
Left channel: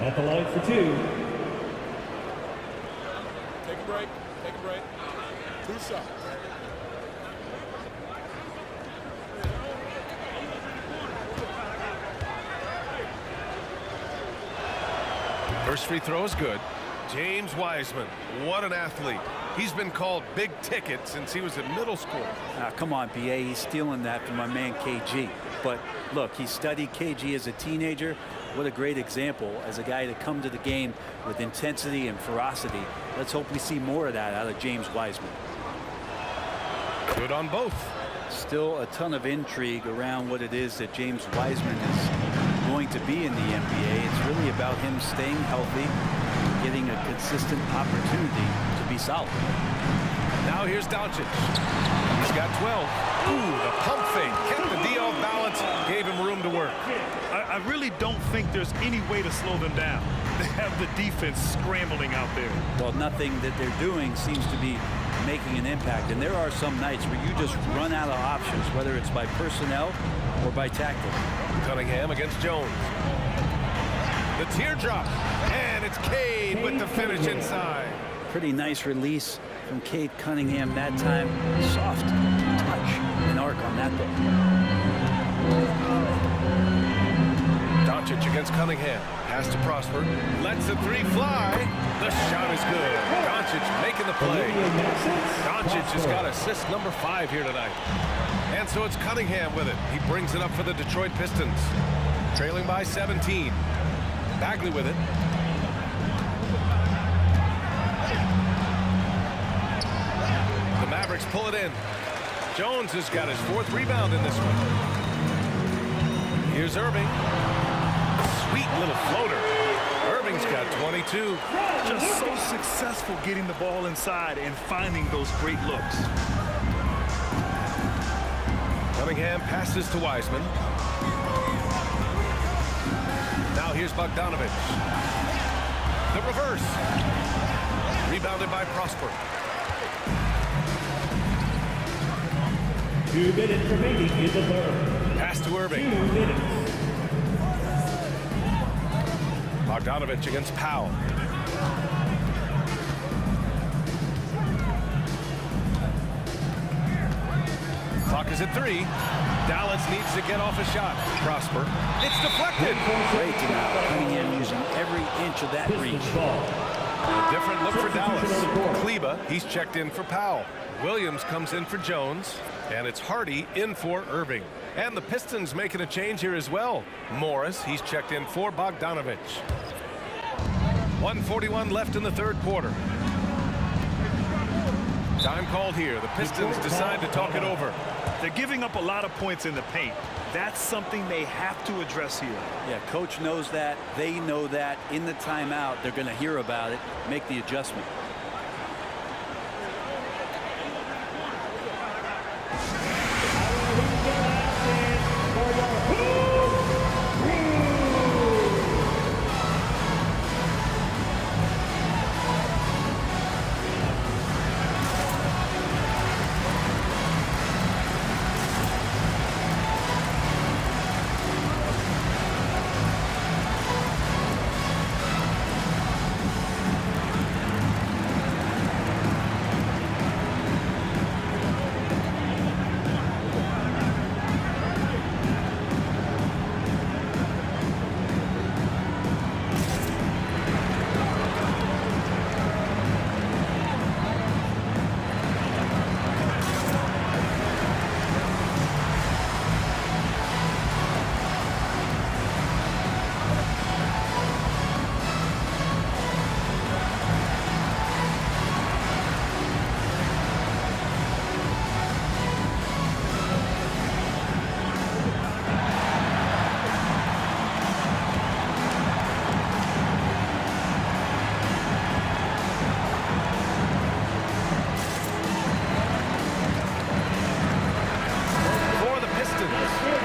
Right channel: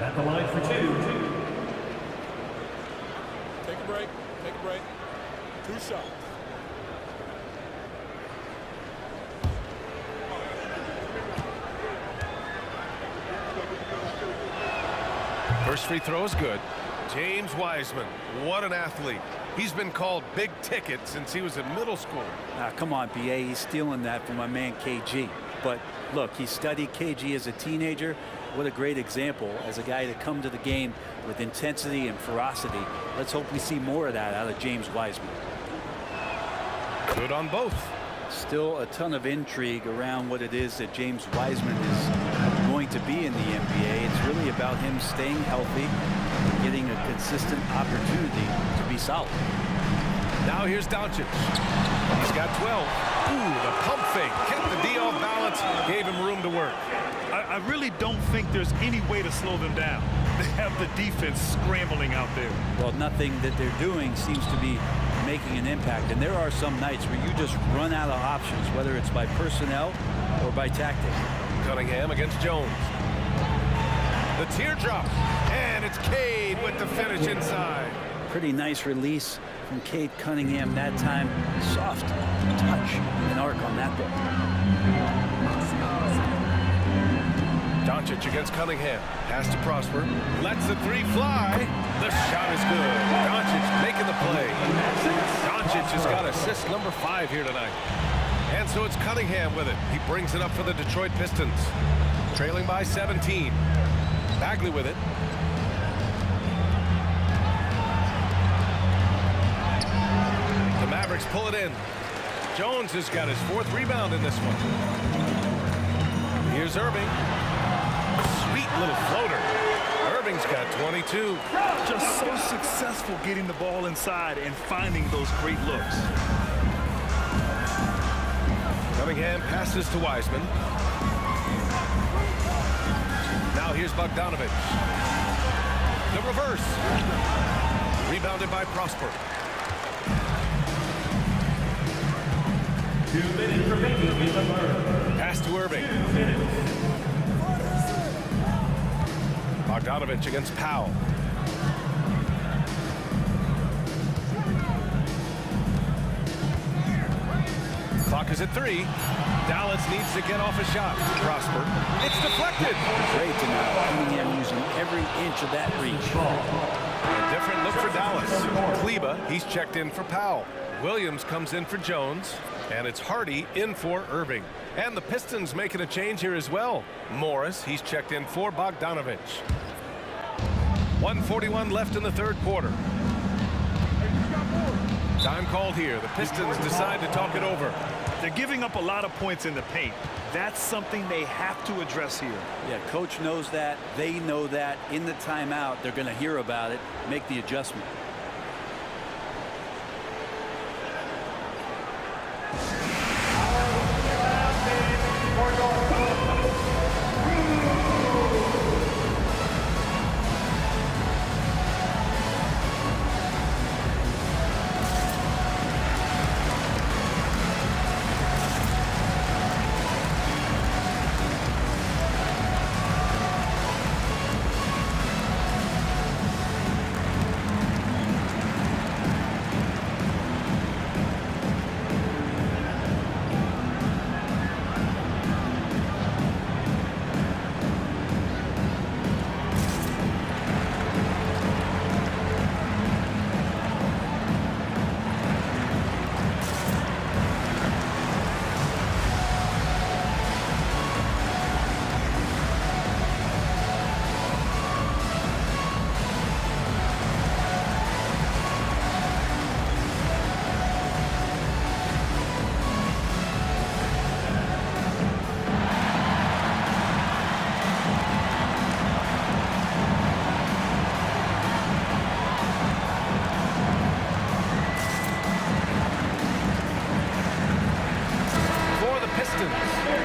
at the line for 2. Take a break. Take a break. 2 shots. First free throw is good. James Wiseman, what an athlete. He's been called big ticket since he was in middle school. Come on, B.A. He's stealing that from my man KG. But look, he studied KG as a teenager. What a great example as a guy to come to the game with intensity and ferocity. Let's hope we see more of that out of James Wiseman. Good on both. Still a ton of intrigue around what it is that James Wiseman is going to be in the NBA. It's really about him staying healthy, getting a consistent opportunity to be solid. Now here's Doncic. He's got 12. Ooh, the pump fake kept the D off balance, gave him room to work. I really don't think there's any way to slow them down. They have the defense scrambling out there. Well, nothing that they're doing seems to be making an impact, and there are some nights where you just run out of options, whether it's by personnel or by tactic. Cunningham against Jones. The teardrop, and it's Cade with the finish inside. Pretty nice release from Cade Cunningham that time. Soft touch and arc on that ball. Doncic against Cunningham. Pass to Prosper. Lets the 3 fly. The shot is good. Doncic making the play. Doncic has got assist number 5 here tonight. And so it's Cunningham with it. He brings it up for the Detroit Pistons. Trailing by 17. Bagley with it. The Mavericks pull it in. Jones has got his 4th rebound in this one. Here's Irving. Sweet little floater. Irving's got 22. Just so successful getting the ball inside and finding those great looks. Cunningham passes to Wiseman. Now here's Bogdanovich. The reverse. Rebounded by Prosper. 2 minutes remaining in the third. Pass to Irving. 2 minutes. Bogdanovich against Powell. Clock is at 3. Dallas needs to get off a shot. Prosper. It's deflected. Great to now. Cunningham using every inch of that reach. A different look for Dallas. Kleba, he's checked in for Powell. Williams comes in for Jones. And it's Hardy in for Irving. And the Pistons making a change here as well. Morris, he's checked in for Bogdanovich. 1:41 left in the 3rd quarter. Time called here. The Pistons decide to talk it over. They're giving up a lot of points in the paint. That's something they have to address here. Yeah, coach knows that. They know that. In the timeout, they're going to hear about it, make the adjustment.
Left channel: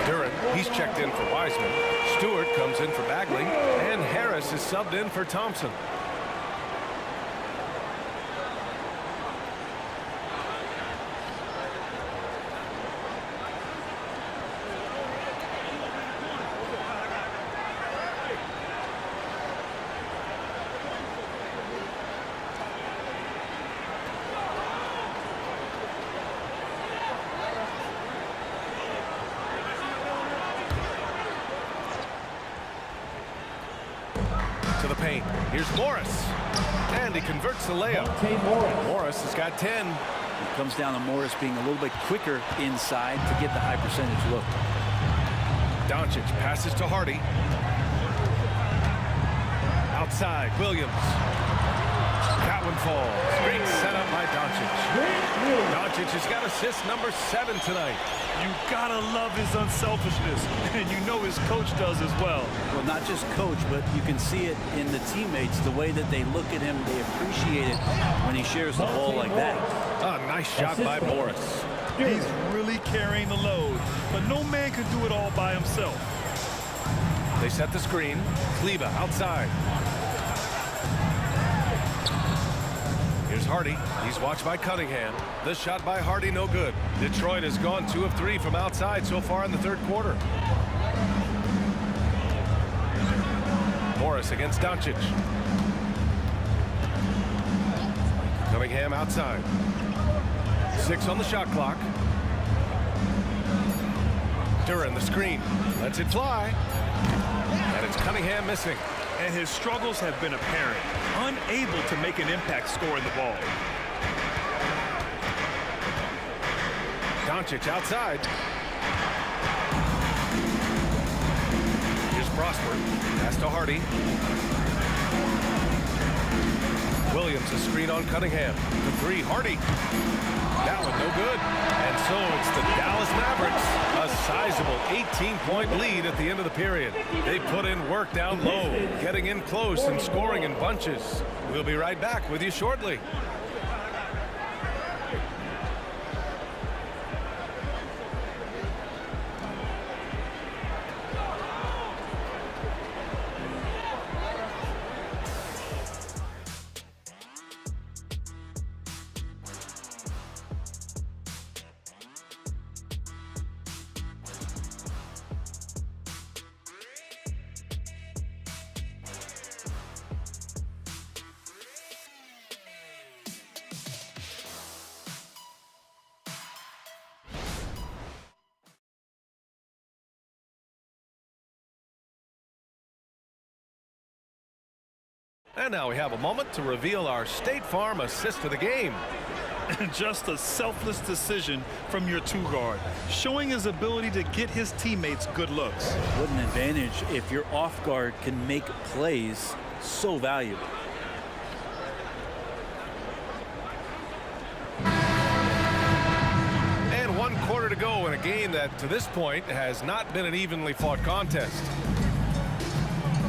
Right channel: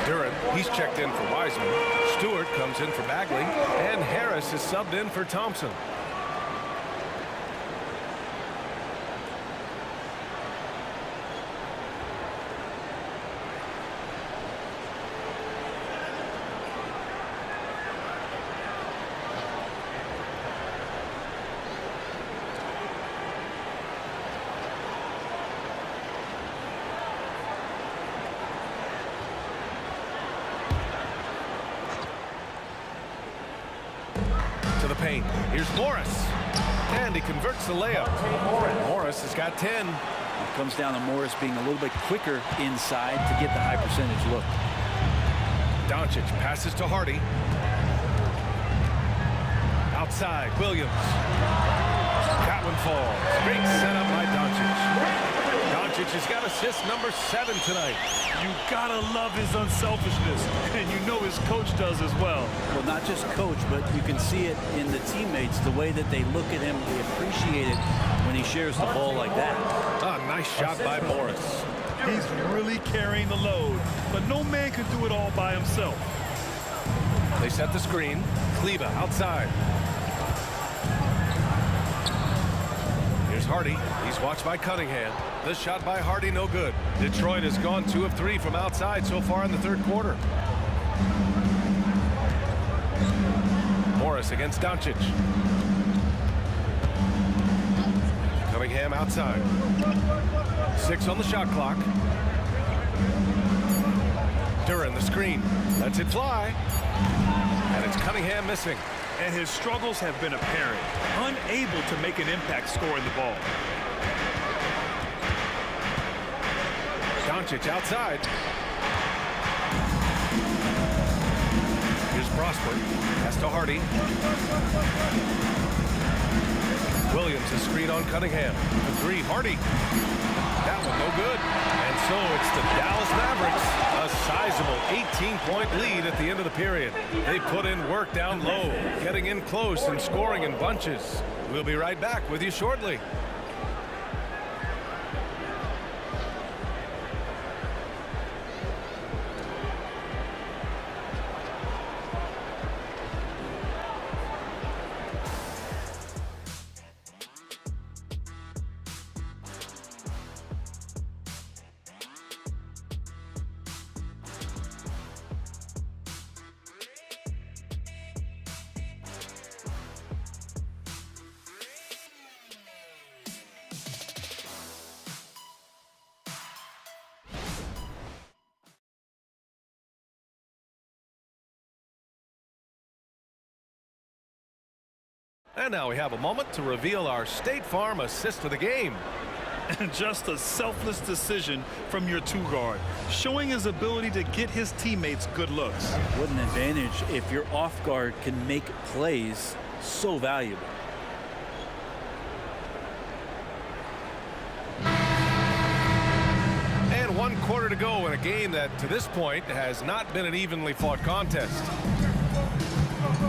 Duran, he's checked in for Wiseman. Stewart comes in for Bagley. And Harris is subbed in for Thompson. To the paint. Here's Morris. And he converts the layup. Morris has got 10. It comes down to Morris being a little bit quicker inside to get the high percentage look. Doncic passes to Hardy. Outside, Williams. That one falls. Great setup by Doncic. Doncic has got assist number 7 tonight. You gotta love his unselfishness, and you know his coach does as well. Well, not just coach, but you can see it in the teammates, the way that they look at him. They appreciate it when he shares the ball like that. A nice shot by Morris. He's really carrying the load, but no man can do it all by himself. They set the screen. Kleba outside. Here's Hardy. He's watched by Cunningham. The shot by Hardy, no good. Detroit has gone 2 of 3 from outside so far in the third quarter. Morris against Doncic. Cunningham outside. 6 on the shot clock. Duran the screen. Lets it fly. And it's Cunningham missing. And his struggles have been apparent. Unable to make an impact scoring the ball. Doncic outside. Here's Prosper. Pass to Hardy. Williams a screen on Cunningham. The 3, Hardy. That one no good. And so it's the Dallas Mavericks. A sizable 18-point lead at the end of the period. They put in work down low, getting in close and scoring in bunches. We'll be right back with you shortly. And now we have a moment to reveal our State Farm assist of the game. And just a selfless decision from your 2-guard, showing his ability to get his teammates good looks. What an advantage if your off guard can make plays so valuable. And 1 quarter to go in a game that to this point has not been an evenly fought contest.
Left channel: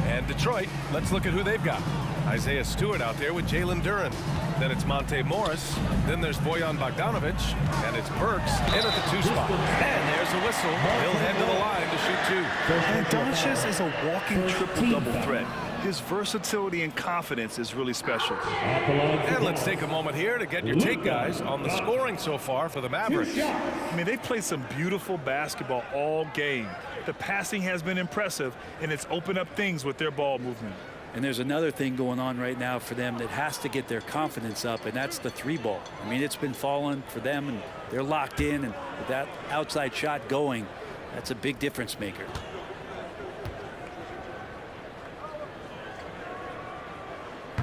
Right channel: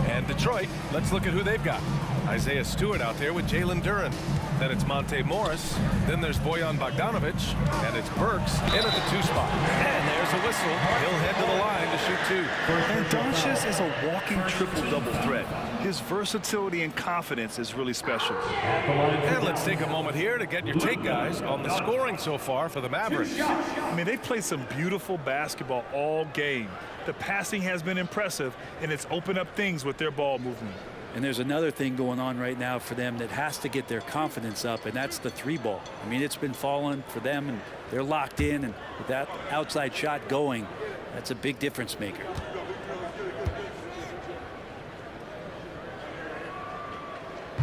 And Detroit, let's look at who they've got. Isaiah Stewart out there with Jalen Duran. Then it's Monte Morris. Then there's Bojan Bogdanovic. And it's Burks in at the 2 spot. And there's a whistle. He'll head to the line to shoot 2. And Doncic is a walking triple-double threat. His versatility and confidence is really special. And let's take a moment here to get your take, guys, on the scoring so far for the Mavericks. I mean, they've played some beautiful basketball all game. The passing has been impressive, and it's opened up things with their ball movement. And there's another thing going on right now for them that has to get their confidence up, and that's the 3 ball. I mean, it's been falling for them, and they're locked in, and with that outside shot going, that's a big difference maker.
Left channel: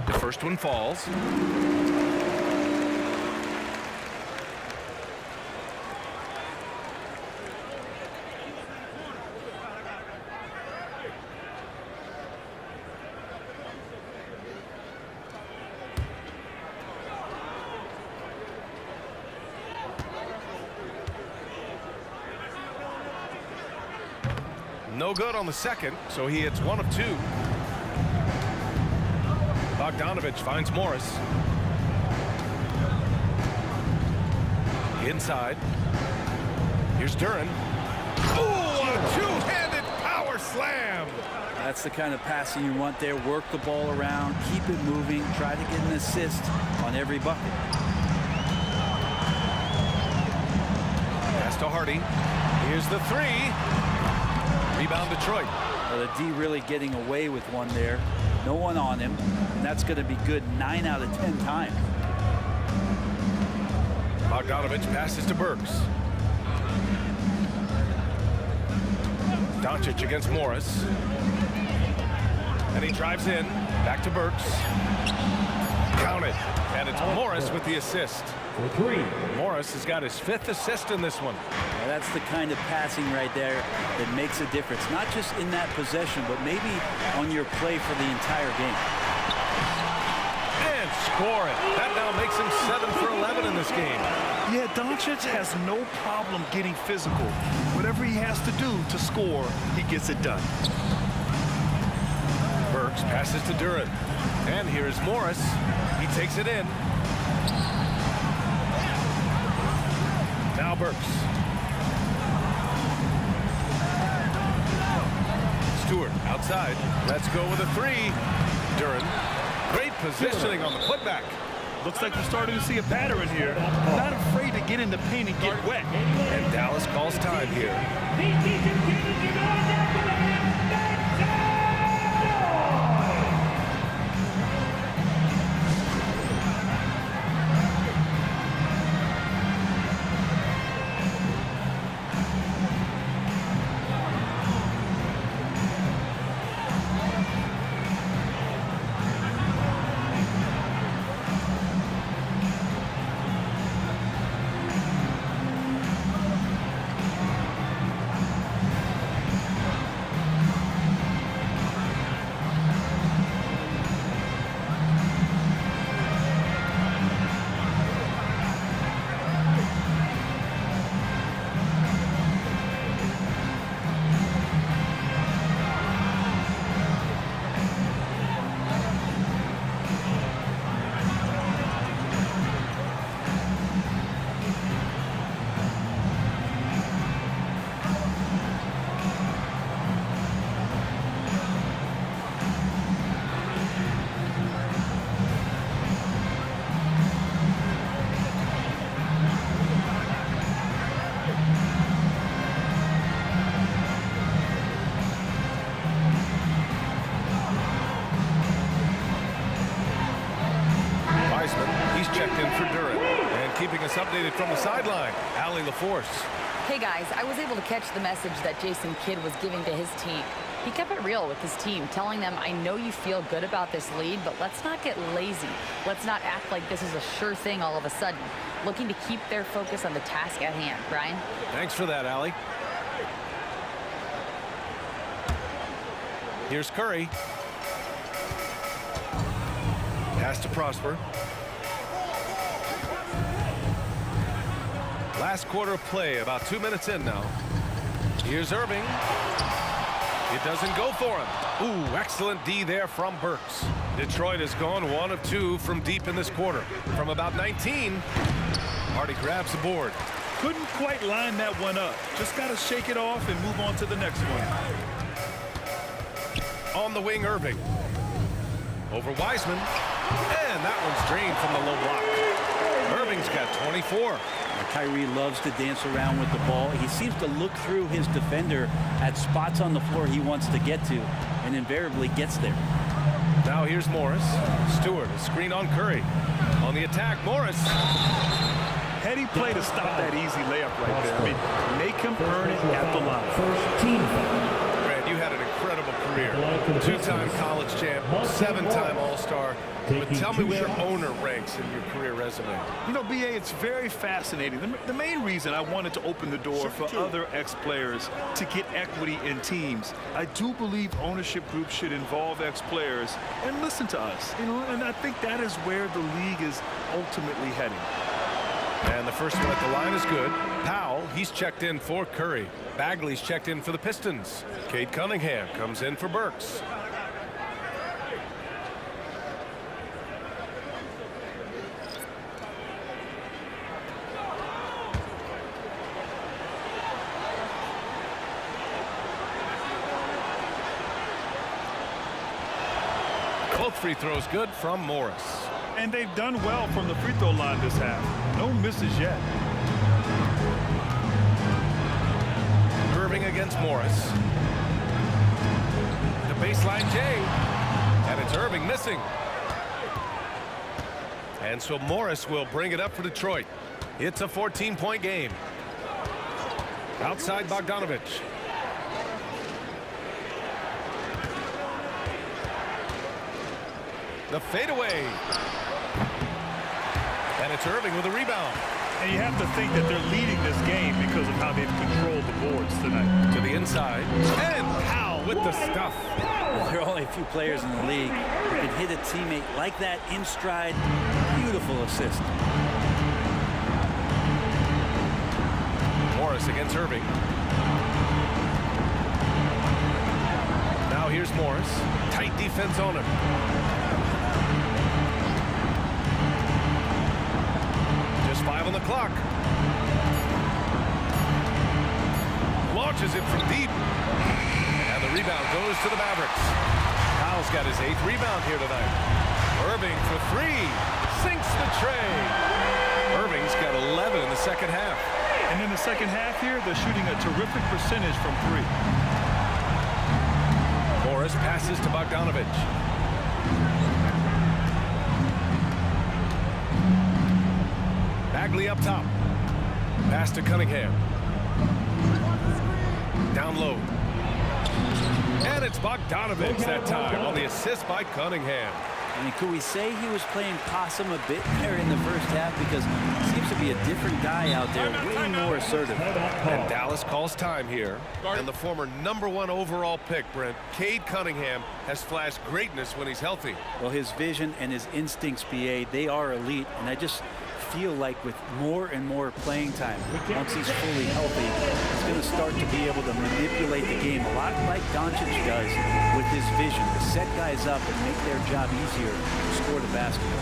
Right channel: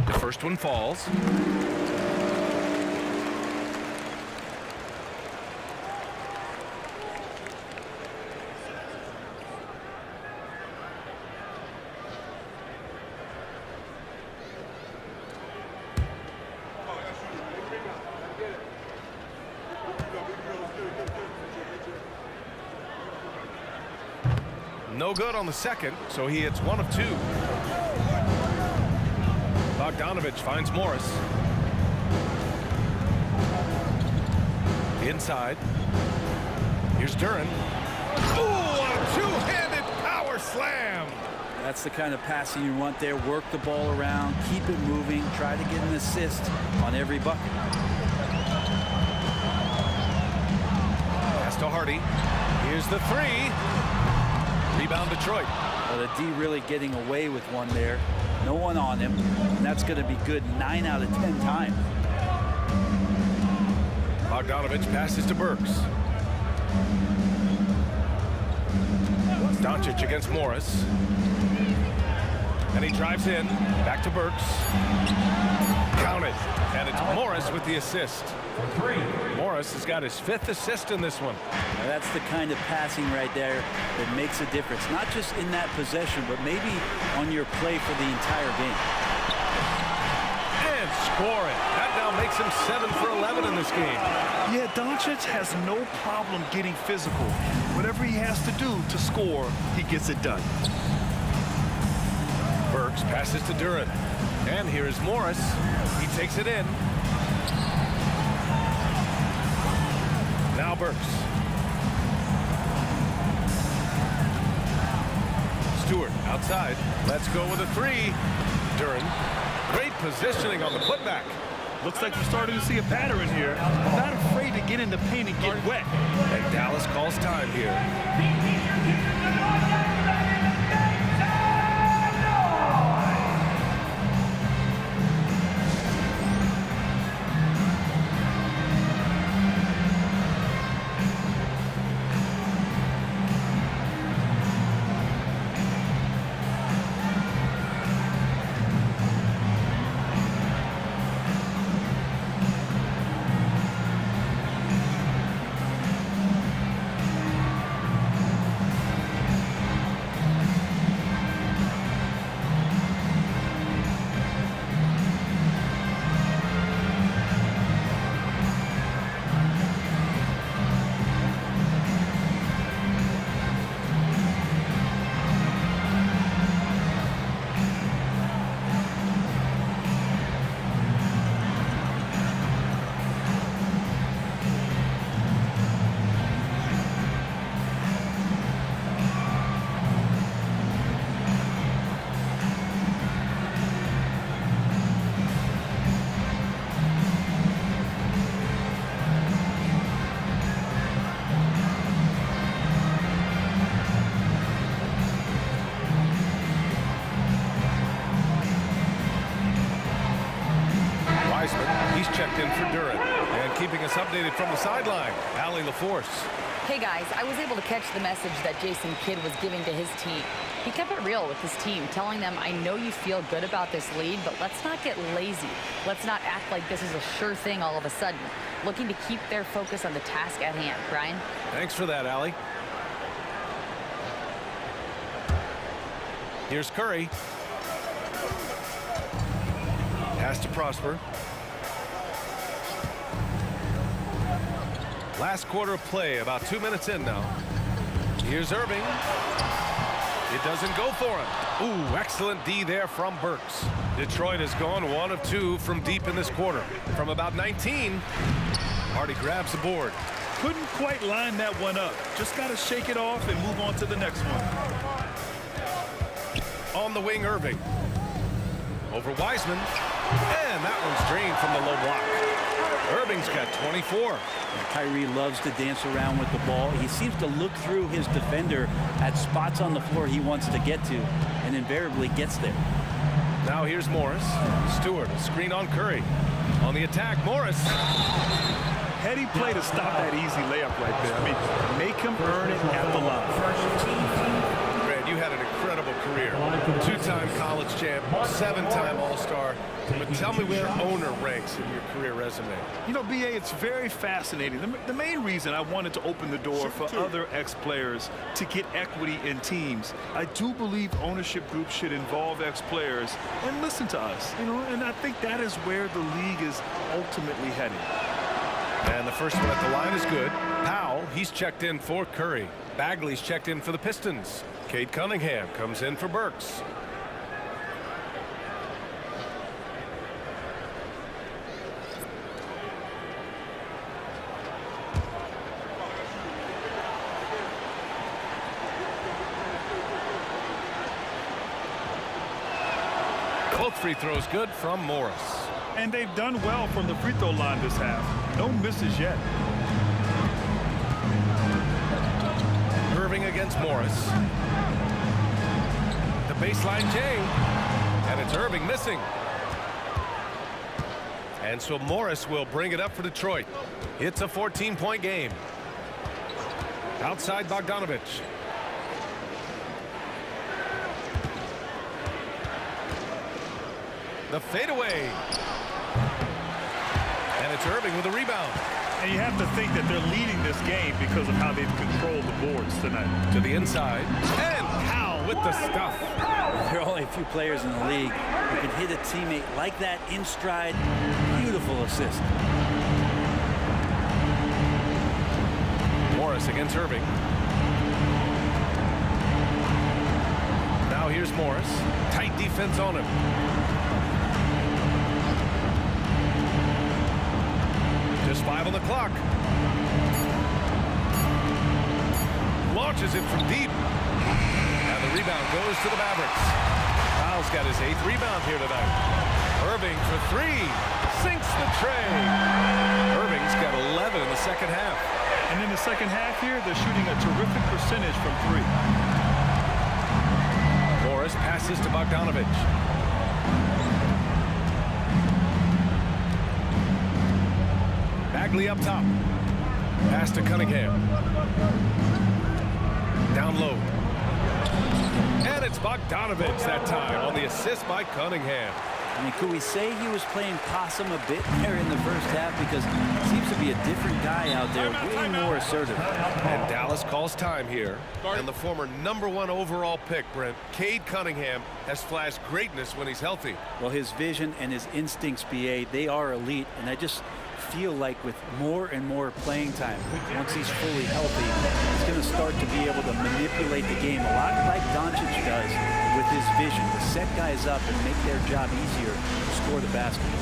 The first one falls. No good on the second, so he hits 1 of 2. Bogdanovic finds Morris. Inside. Here's Duran. Ooh, a two-handed power slam. That's the kind of passing you want there. Work the ball around, keep it moving, try to get an assist on every bucket. Pass to Hardy. Here's the three. Rebound Detroit. Well, the D really getting away with one there. No one on him, and that's going to be good 9 out of 10 times. Bogdanovich passes to Burks. Doncic against Morris. And he drives in. Back to Burks. Counted. And it's Morris with the assist. For three. Morris has got his 5th assist in this one. Now, that's the kind of passing right there that makes a difference. Not just in that possession, but maybe on your play for the entire game. And score it. That now makes him 7 for 11 in this game. Yeah, Doncic has no problem getting physical. Whatever he has to do to score, he gets it done. Burks passes to Duren. And here's Morris. He takes it in. Now Burks. Stewart outside. Let's go with a three. Duren. Great positioning on the putback. Looks like we're starting to see a pattern here. Not afraid to get in the paint and get wet. And Dallas calls time here. He's checked in for Duren. And keeping us updated from the sideline, Allie LaForce. Hey guys, I was able to catch the message that Jason Kidd was giving to his team. He kept it real with his team, telling them, I know you feel good about this lead, but let's not get lazy. Let's not act like this is a sure thing all of a sudden. Looking to keep their focus on the task at hand. Brian? Thanks for that, Allie. Here's Curry. Pass to Prosper. Last quarter of play, about 2 minutes in now. Here's Irving. It doesn't go for him. Ooh, excellent D there from Burks. Detroit has gone 1 of 2 from deep in this quarter. From about 19, Hardy grabs the board. Couldn't quite line that one up. Just got to shake it off and move on to the next one. On the wing, Irving. Over Wiseman. And that one's drained from the low block. Irving's got 24. Kyrie loves to dance around with the ball. He seems to look through his defender at spots on the floor he wants to get to, and invariably gets there. Now here's Morris. Stewart, a screen on Curry. On the attack, Morris. Heady play to stop that easy layup right there. I mean, make him earn it at the line. First team foul. Grant, you had an incredible career. 2-time college champ, 7-time All-Star. But tell me where owner ranks in your career resume. You know, B.A., it's very fascinating. The main reason I wanted to open the door for other ex-players to get equity in teams, I do believe ownership groups should involve ex-players and listen to us. You know, and I think that is where the league is ultimately heading. And the first one at the line is good. Powell, he's checked in for Curry. Bagley's checked in for the Pistons. Cade Cunningham comes in for Burks. Both free throws good from Morris. And they've done well from the free throw line this half. No misses yet. Irving against Morris. The baseline J. And it's Irving missing. And so Morris will bring it up for Detroit. It's a 14-point game. Outside Bogdanovich. The fadeaway. And it's Irving with a rebound. And you have to think that they're leading this game because of how they've controlled the boards tonight. To the inside. And Powell with the stuff. There are only a few players in the league who can hit a teammate like that in stride. Beautiful assist. Morris against Irving. Now here's Morris. Tight defense on him. Just 5 on the clock. Launches it from deep. And the rebound goes to the Mavericks. Powell's got his 8th rebound here tonight. Irving for 3. Sinks the tray. Irving's got 11 in the second half. And in the second half here, they're shooting a terrific percentage from 3. Morris passes to Bogdanovich. Bagley up top. Pass to Cunningham. Down low. And it's Bogdanovich that time on the assist by Cunningham. I mean, could we say he was playing possum a bit there in the first half? Because it seems to be a different guy out there, way more assertive. And Dallas calls time here. And the former #1 overall pick, Brent, Cade Cunningham, has flashed greatness when he's healthy. Well, his vision and his instincts, BA, they are elite. And I just feel like with more and more playing time, once he's fully healthy, he's going to start to be able to manipulate the game a lot like Doncic does with his vision, to set guys up and make their job easier to score the basketball.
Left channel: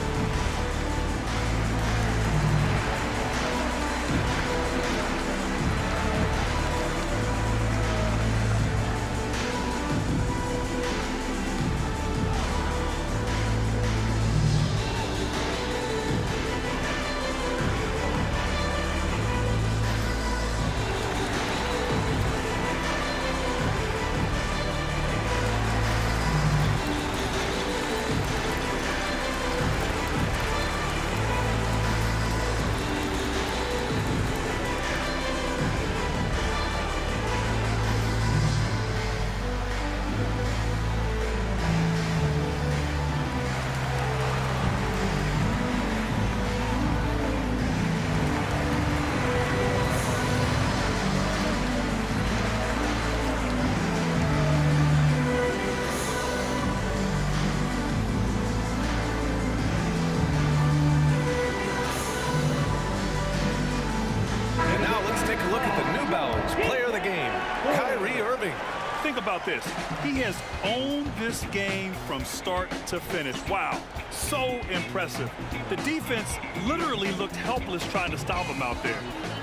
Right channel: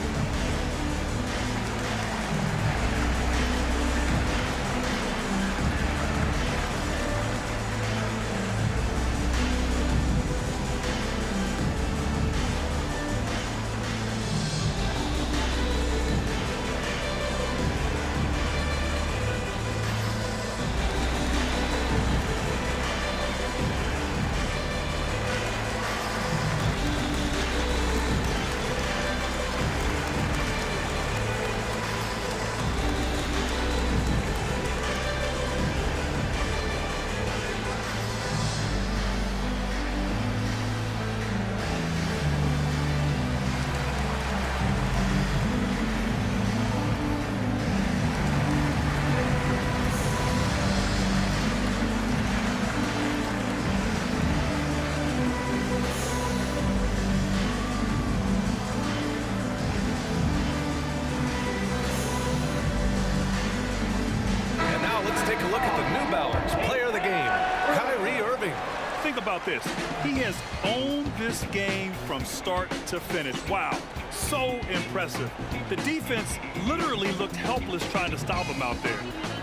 Take a look at the New Balance player of the game, Kyrie Irving. Think about this. He has owned this game from start to finish. Wow, so impressive. The defense literally looked helpless trying to stop him out there.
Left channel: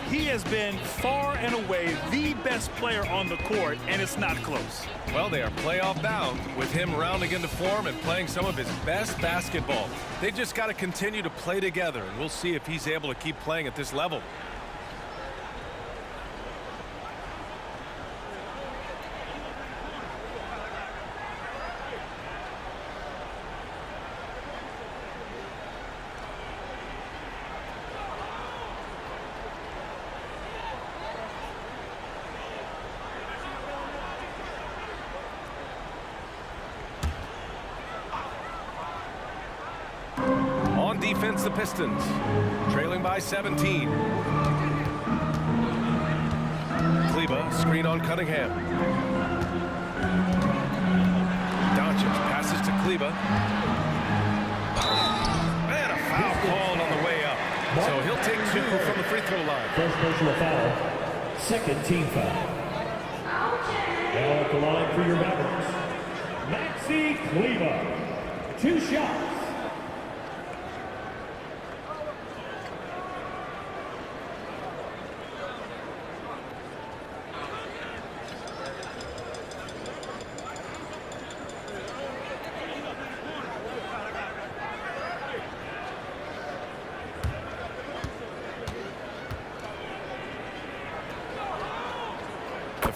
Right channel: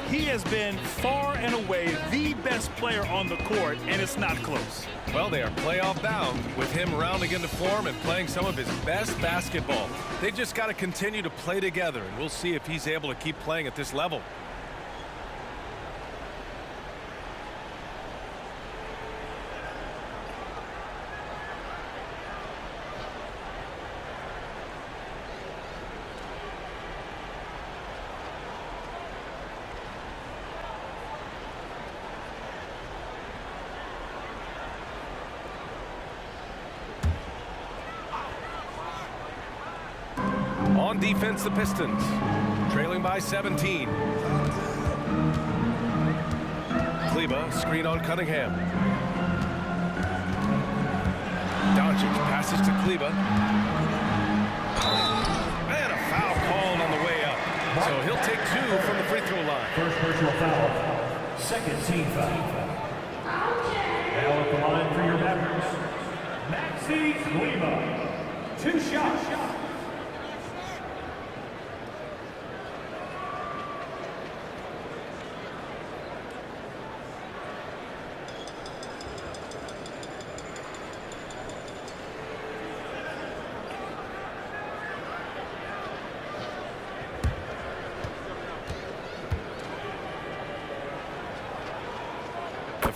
He has been far and away the best player on the court, and it's not close. Well, they are playoff bound with him rounding into form and playing some of his best basketball. They just got to continue to play together, and we'll see if he's able to keep playing at this level. On defense, the Pistons, trailing by 17. Kleber, screen on Cunningham. Doncic passes to Kleber. And a foul called on the way up. So he'll take 2 from the free throw line. First personal foul, second team foul. Now at the line for your Mavericks, Maxi Kleber. 2 shots.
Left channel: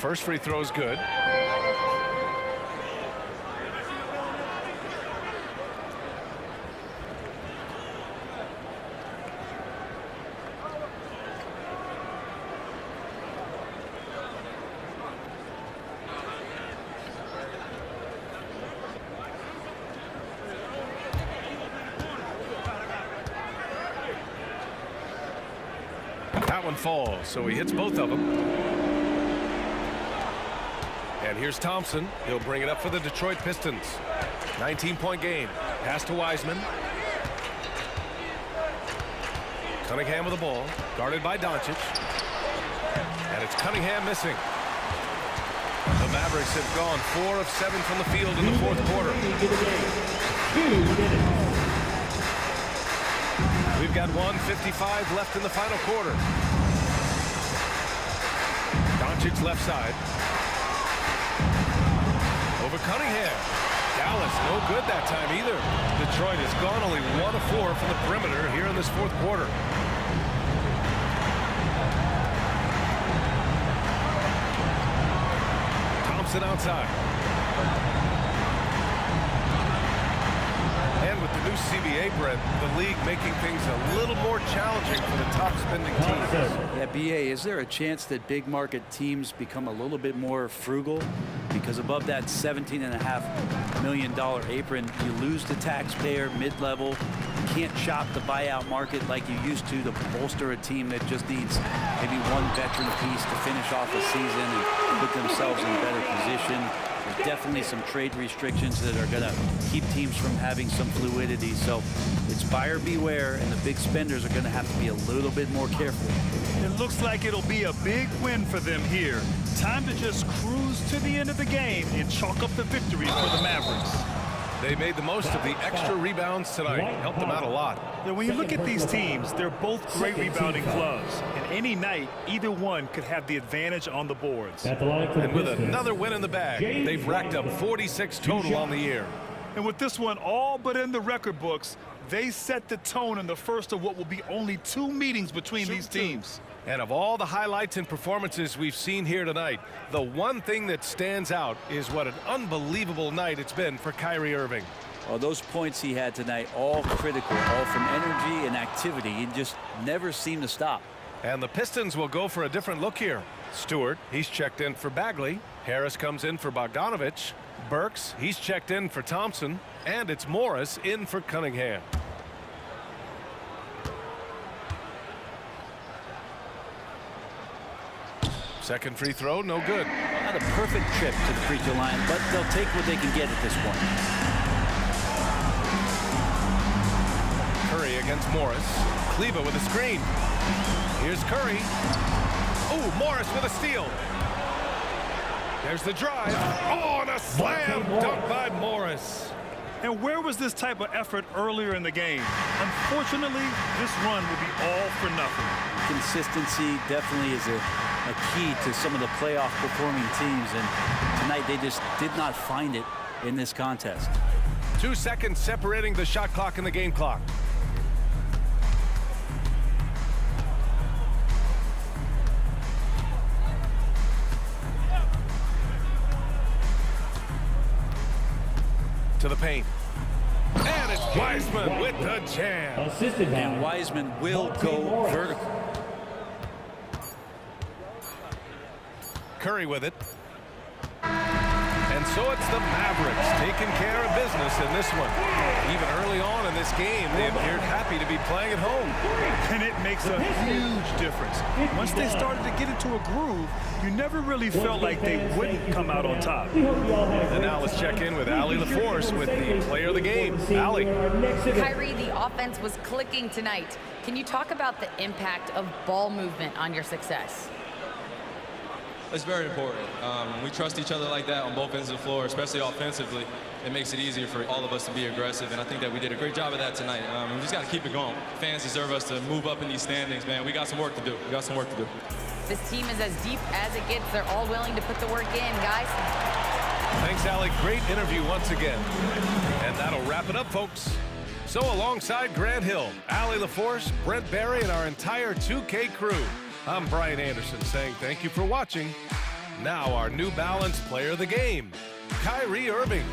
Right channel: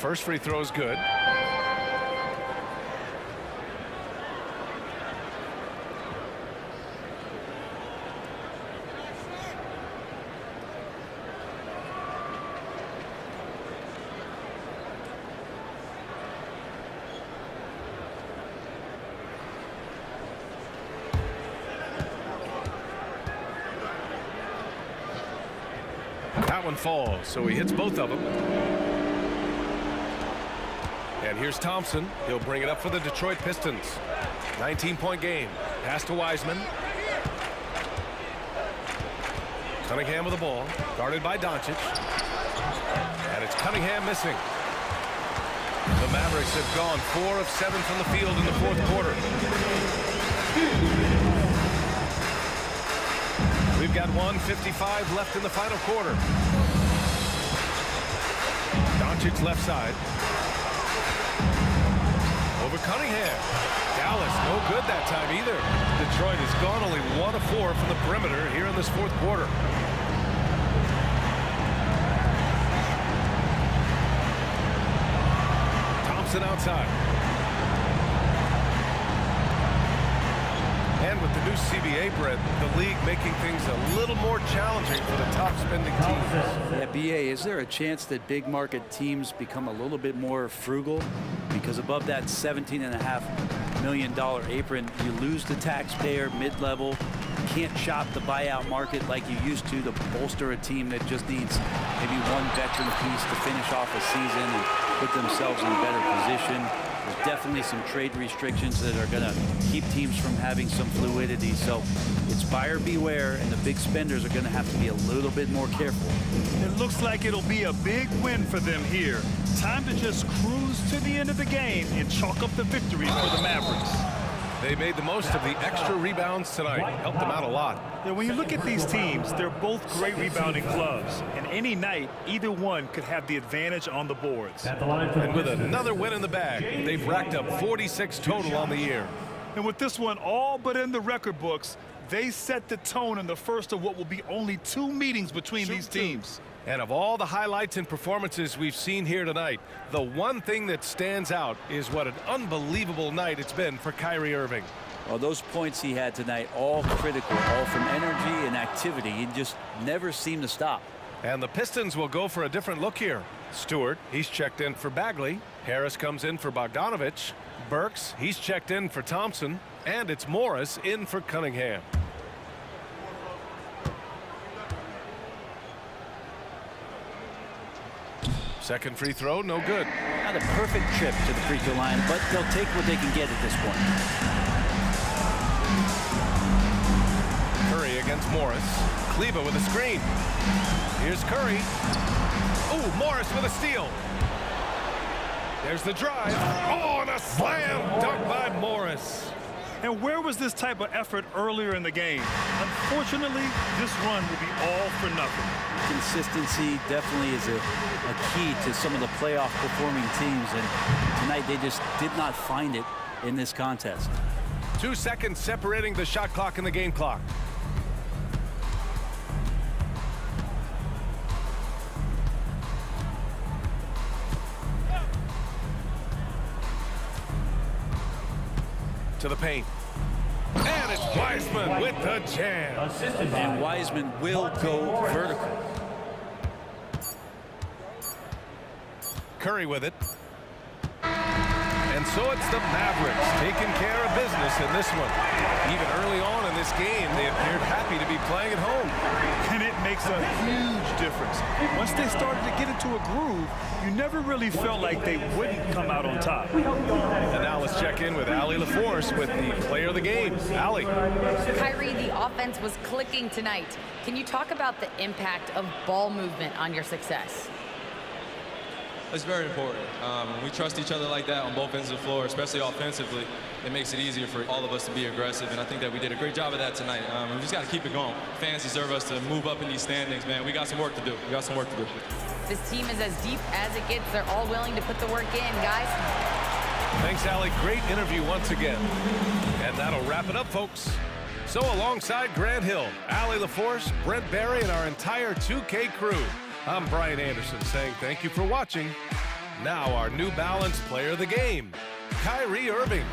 first free throw is good. That one falls, so he hits both of them. And here's Thompson. He'll bring it up for the Detroit Pistons. 19-point game. Pass to Wiseman. Cunningham with the ball. Guarded by Doncic. And it's Cunningham missing. The Mavericks have gone 4 of 7 from the field in the fourth quarter. We've got 1:55 left in the final quarter. Doncic left side. Over Cunningham. Dallas no good that time either. Detroit has gone only 1 of 4 from the perimeter here in this fourth quarter. Thompson outside. And with the new CBA, Brett, the league making things a little more challenging for the top spending teams. Yeah, BA, is there a chance that big market teams become a little bit more frugal? Because above that $17.5 million apron, you lose the taxpayer mid-level. You can't shop the buyout market like you used to bolster a team that just needs maybe one veteran piece to finish off a season and put themselves in better position. There's definitely some trade restrictions that are going to keep teams from having some fluidity. So it's buyer beware, and the big spenders are going to have to be a little bit more careful. It looks like it'll be a big win for them here. Time to just cruise to the end of the game and chalk up the victory for the Mavericks. They made the most of the extra rebounds tonight. Helped them out a lot. Yeah, when you look at these teams, they're both great rebounding clubs. And any night, either one could have the advantage on the boards. And with another win in the bag, they've racked up 46 total on the year. And with this one all but in the record books, they set the tone in the first of what will be only 2 meetings between these teams. And of all the highlights and performances we've seen here tonight, the one thing that stands out is what an unbelievable night it's been for Kyrie Irving. Well, those points he had tonight, all critical, all from energy and activity. He just never seemed to stop. And the Pistons will go for a different look here. Stewart, he's checked in for Bagley. Harris comes in for Bogdanovich. Burks, he's checked in for Thompson. And it's Morris in for Cunningham. Second free throw, no good. Not a perfect trip to the free throw line, but they'll take what they can get at this point. Curry against Morris. Kleba with a screen. Here's Curry. Oh, Morris with a steal. There's the drive. Oh, and a slam dunk by Morris. And where was this type of effort earlier in the game? Unfortunately, this run will be all for nothing. Consistency definitely is a key to some of the playoff performing teams, and tonight they just did not find it in this contest. 2 seconds separating the shot clock and the game clock. To the paint. And it's Wiseman with the jam. And Wiseman will go vertical. Curry with it. And so it's the Mavericks taking care of business in this one. Even early on in this game, they appeared happy to be playing at home. And it makes a huge difference. Once they started to get into a groove, you never really felt like they wouldn't come out on top. And now let's check in with Allie LaForce with the player of the game. Allie. Kyrie, the offense was clicking tonight. Can you talk about the impact of ball movement on your success? It's very important. When we trust each other like that on both ends of the floor, especially offensively, it makes it easier for all of us to be aggressive, and I think that we did a great job of that tonight. We just got to keep it going. Fans deserve us to move up in these standings, man. We got some work to do. We got some work to do. This team is as deep as it gets. They're all willing to put the work in, guys. Thanks, Allie. Great interview once again. And that'll wrap it up, folks. So alongside Grant Hill, Allie LaForce, Brent Barry, and our entire 2K crew, I'm Brian Anderson saying thank you for watching. Now our New Balance player of the game, Kyrie Irving.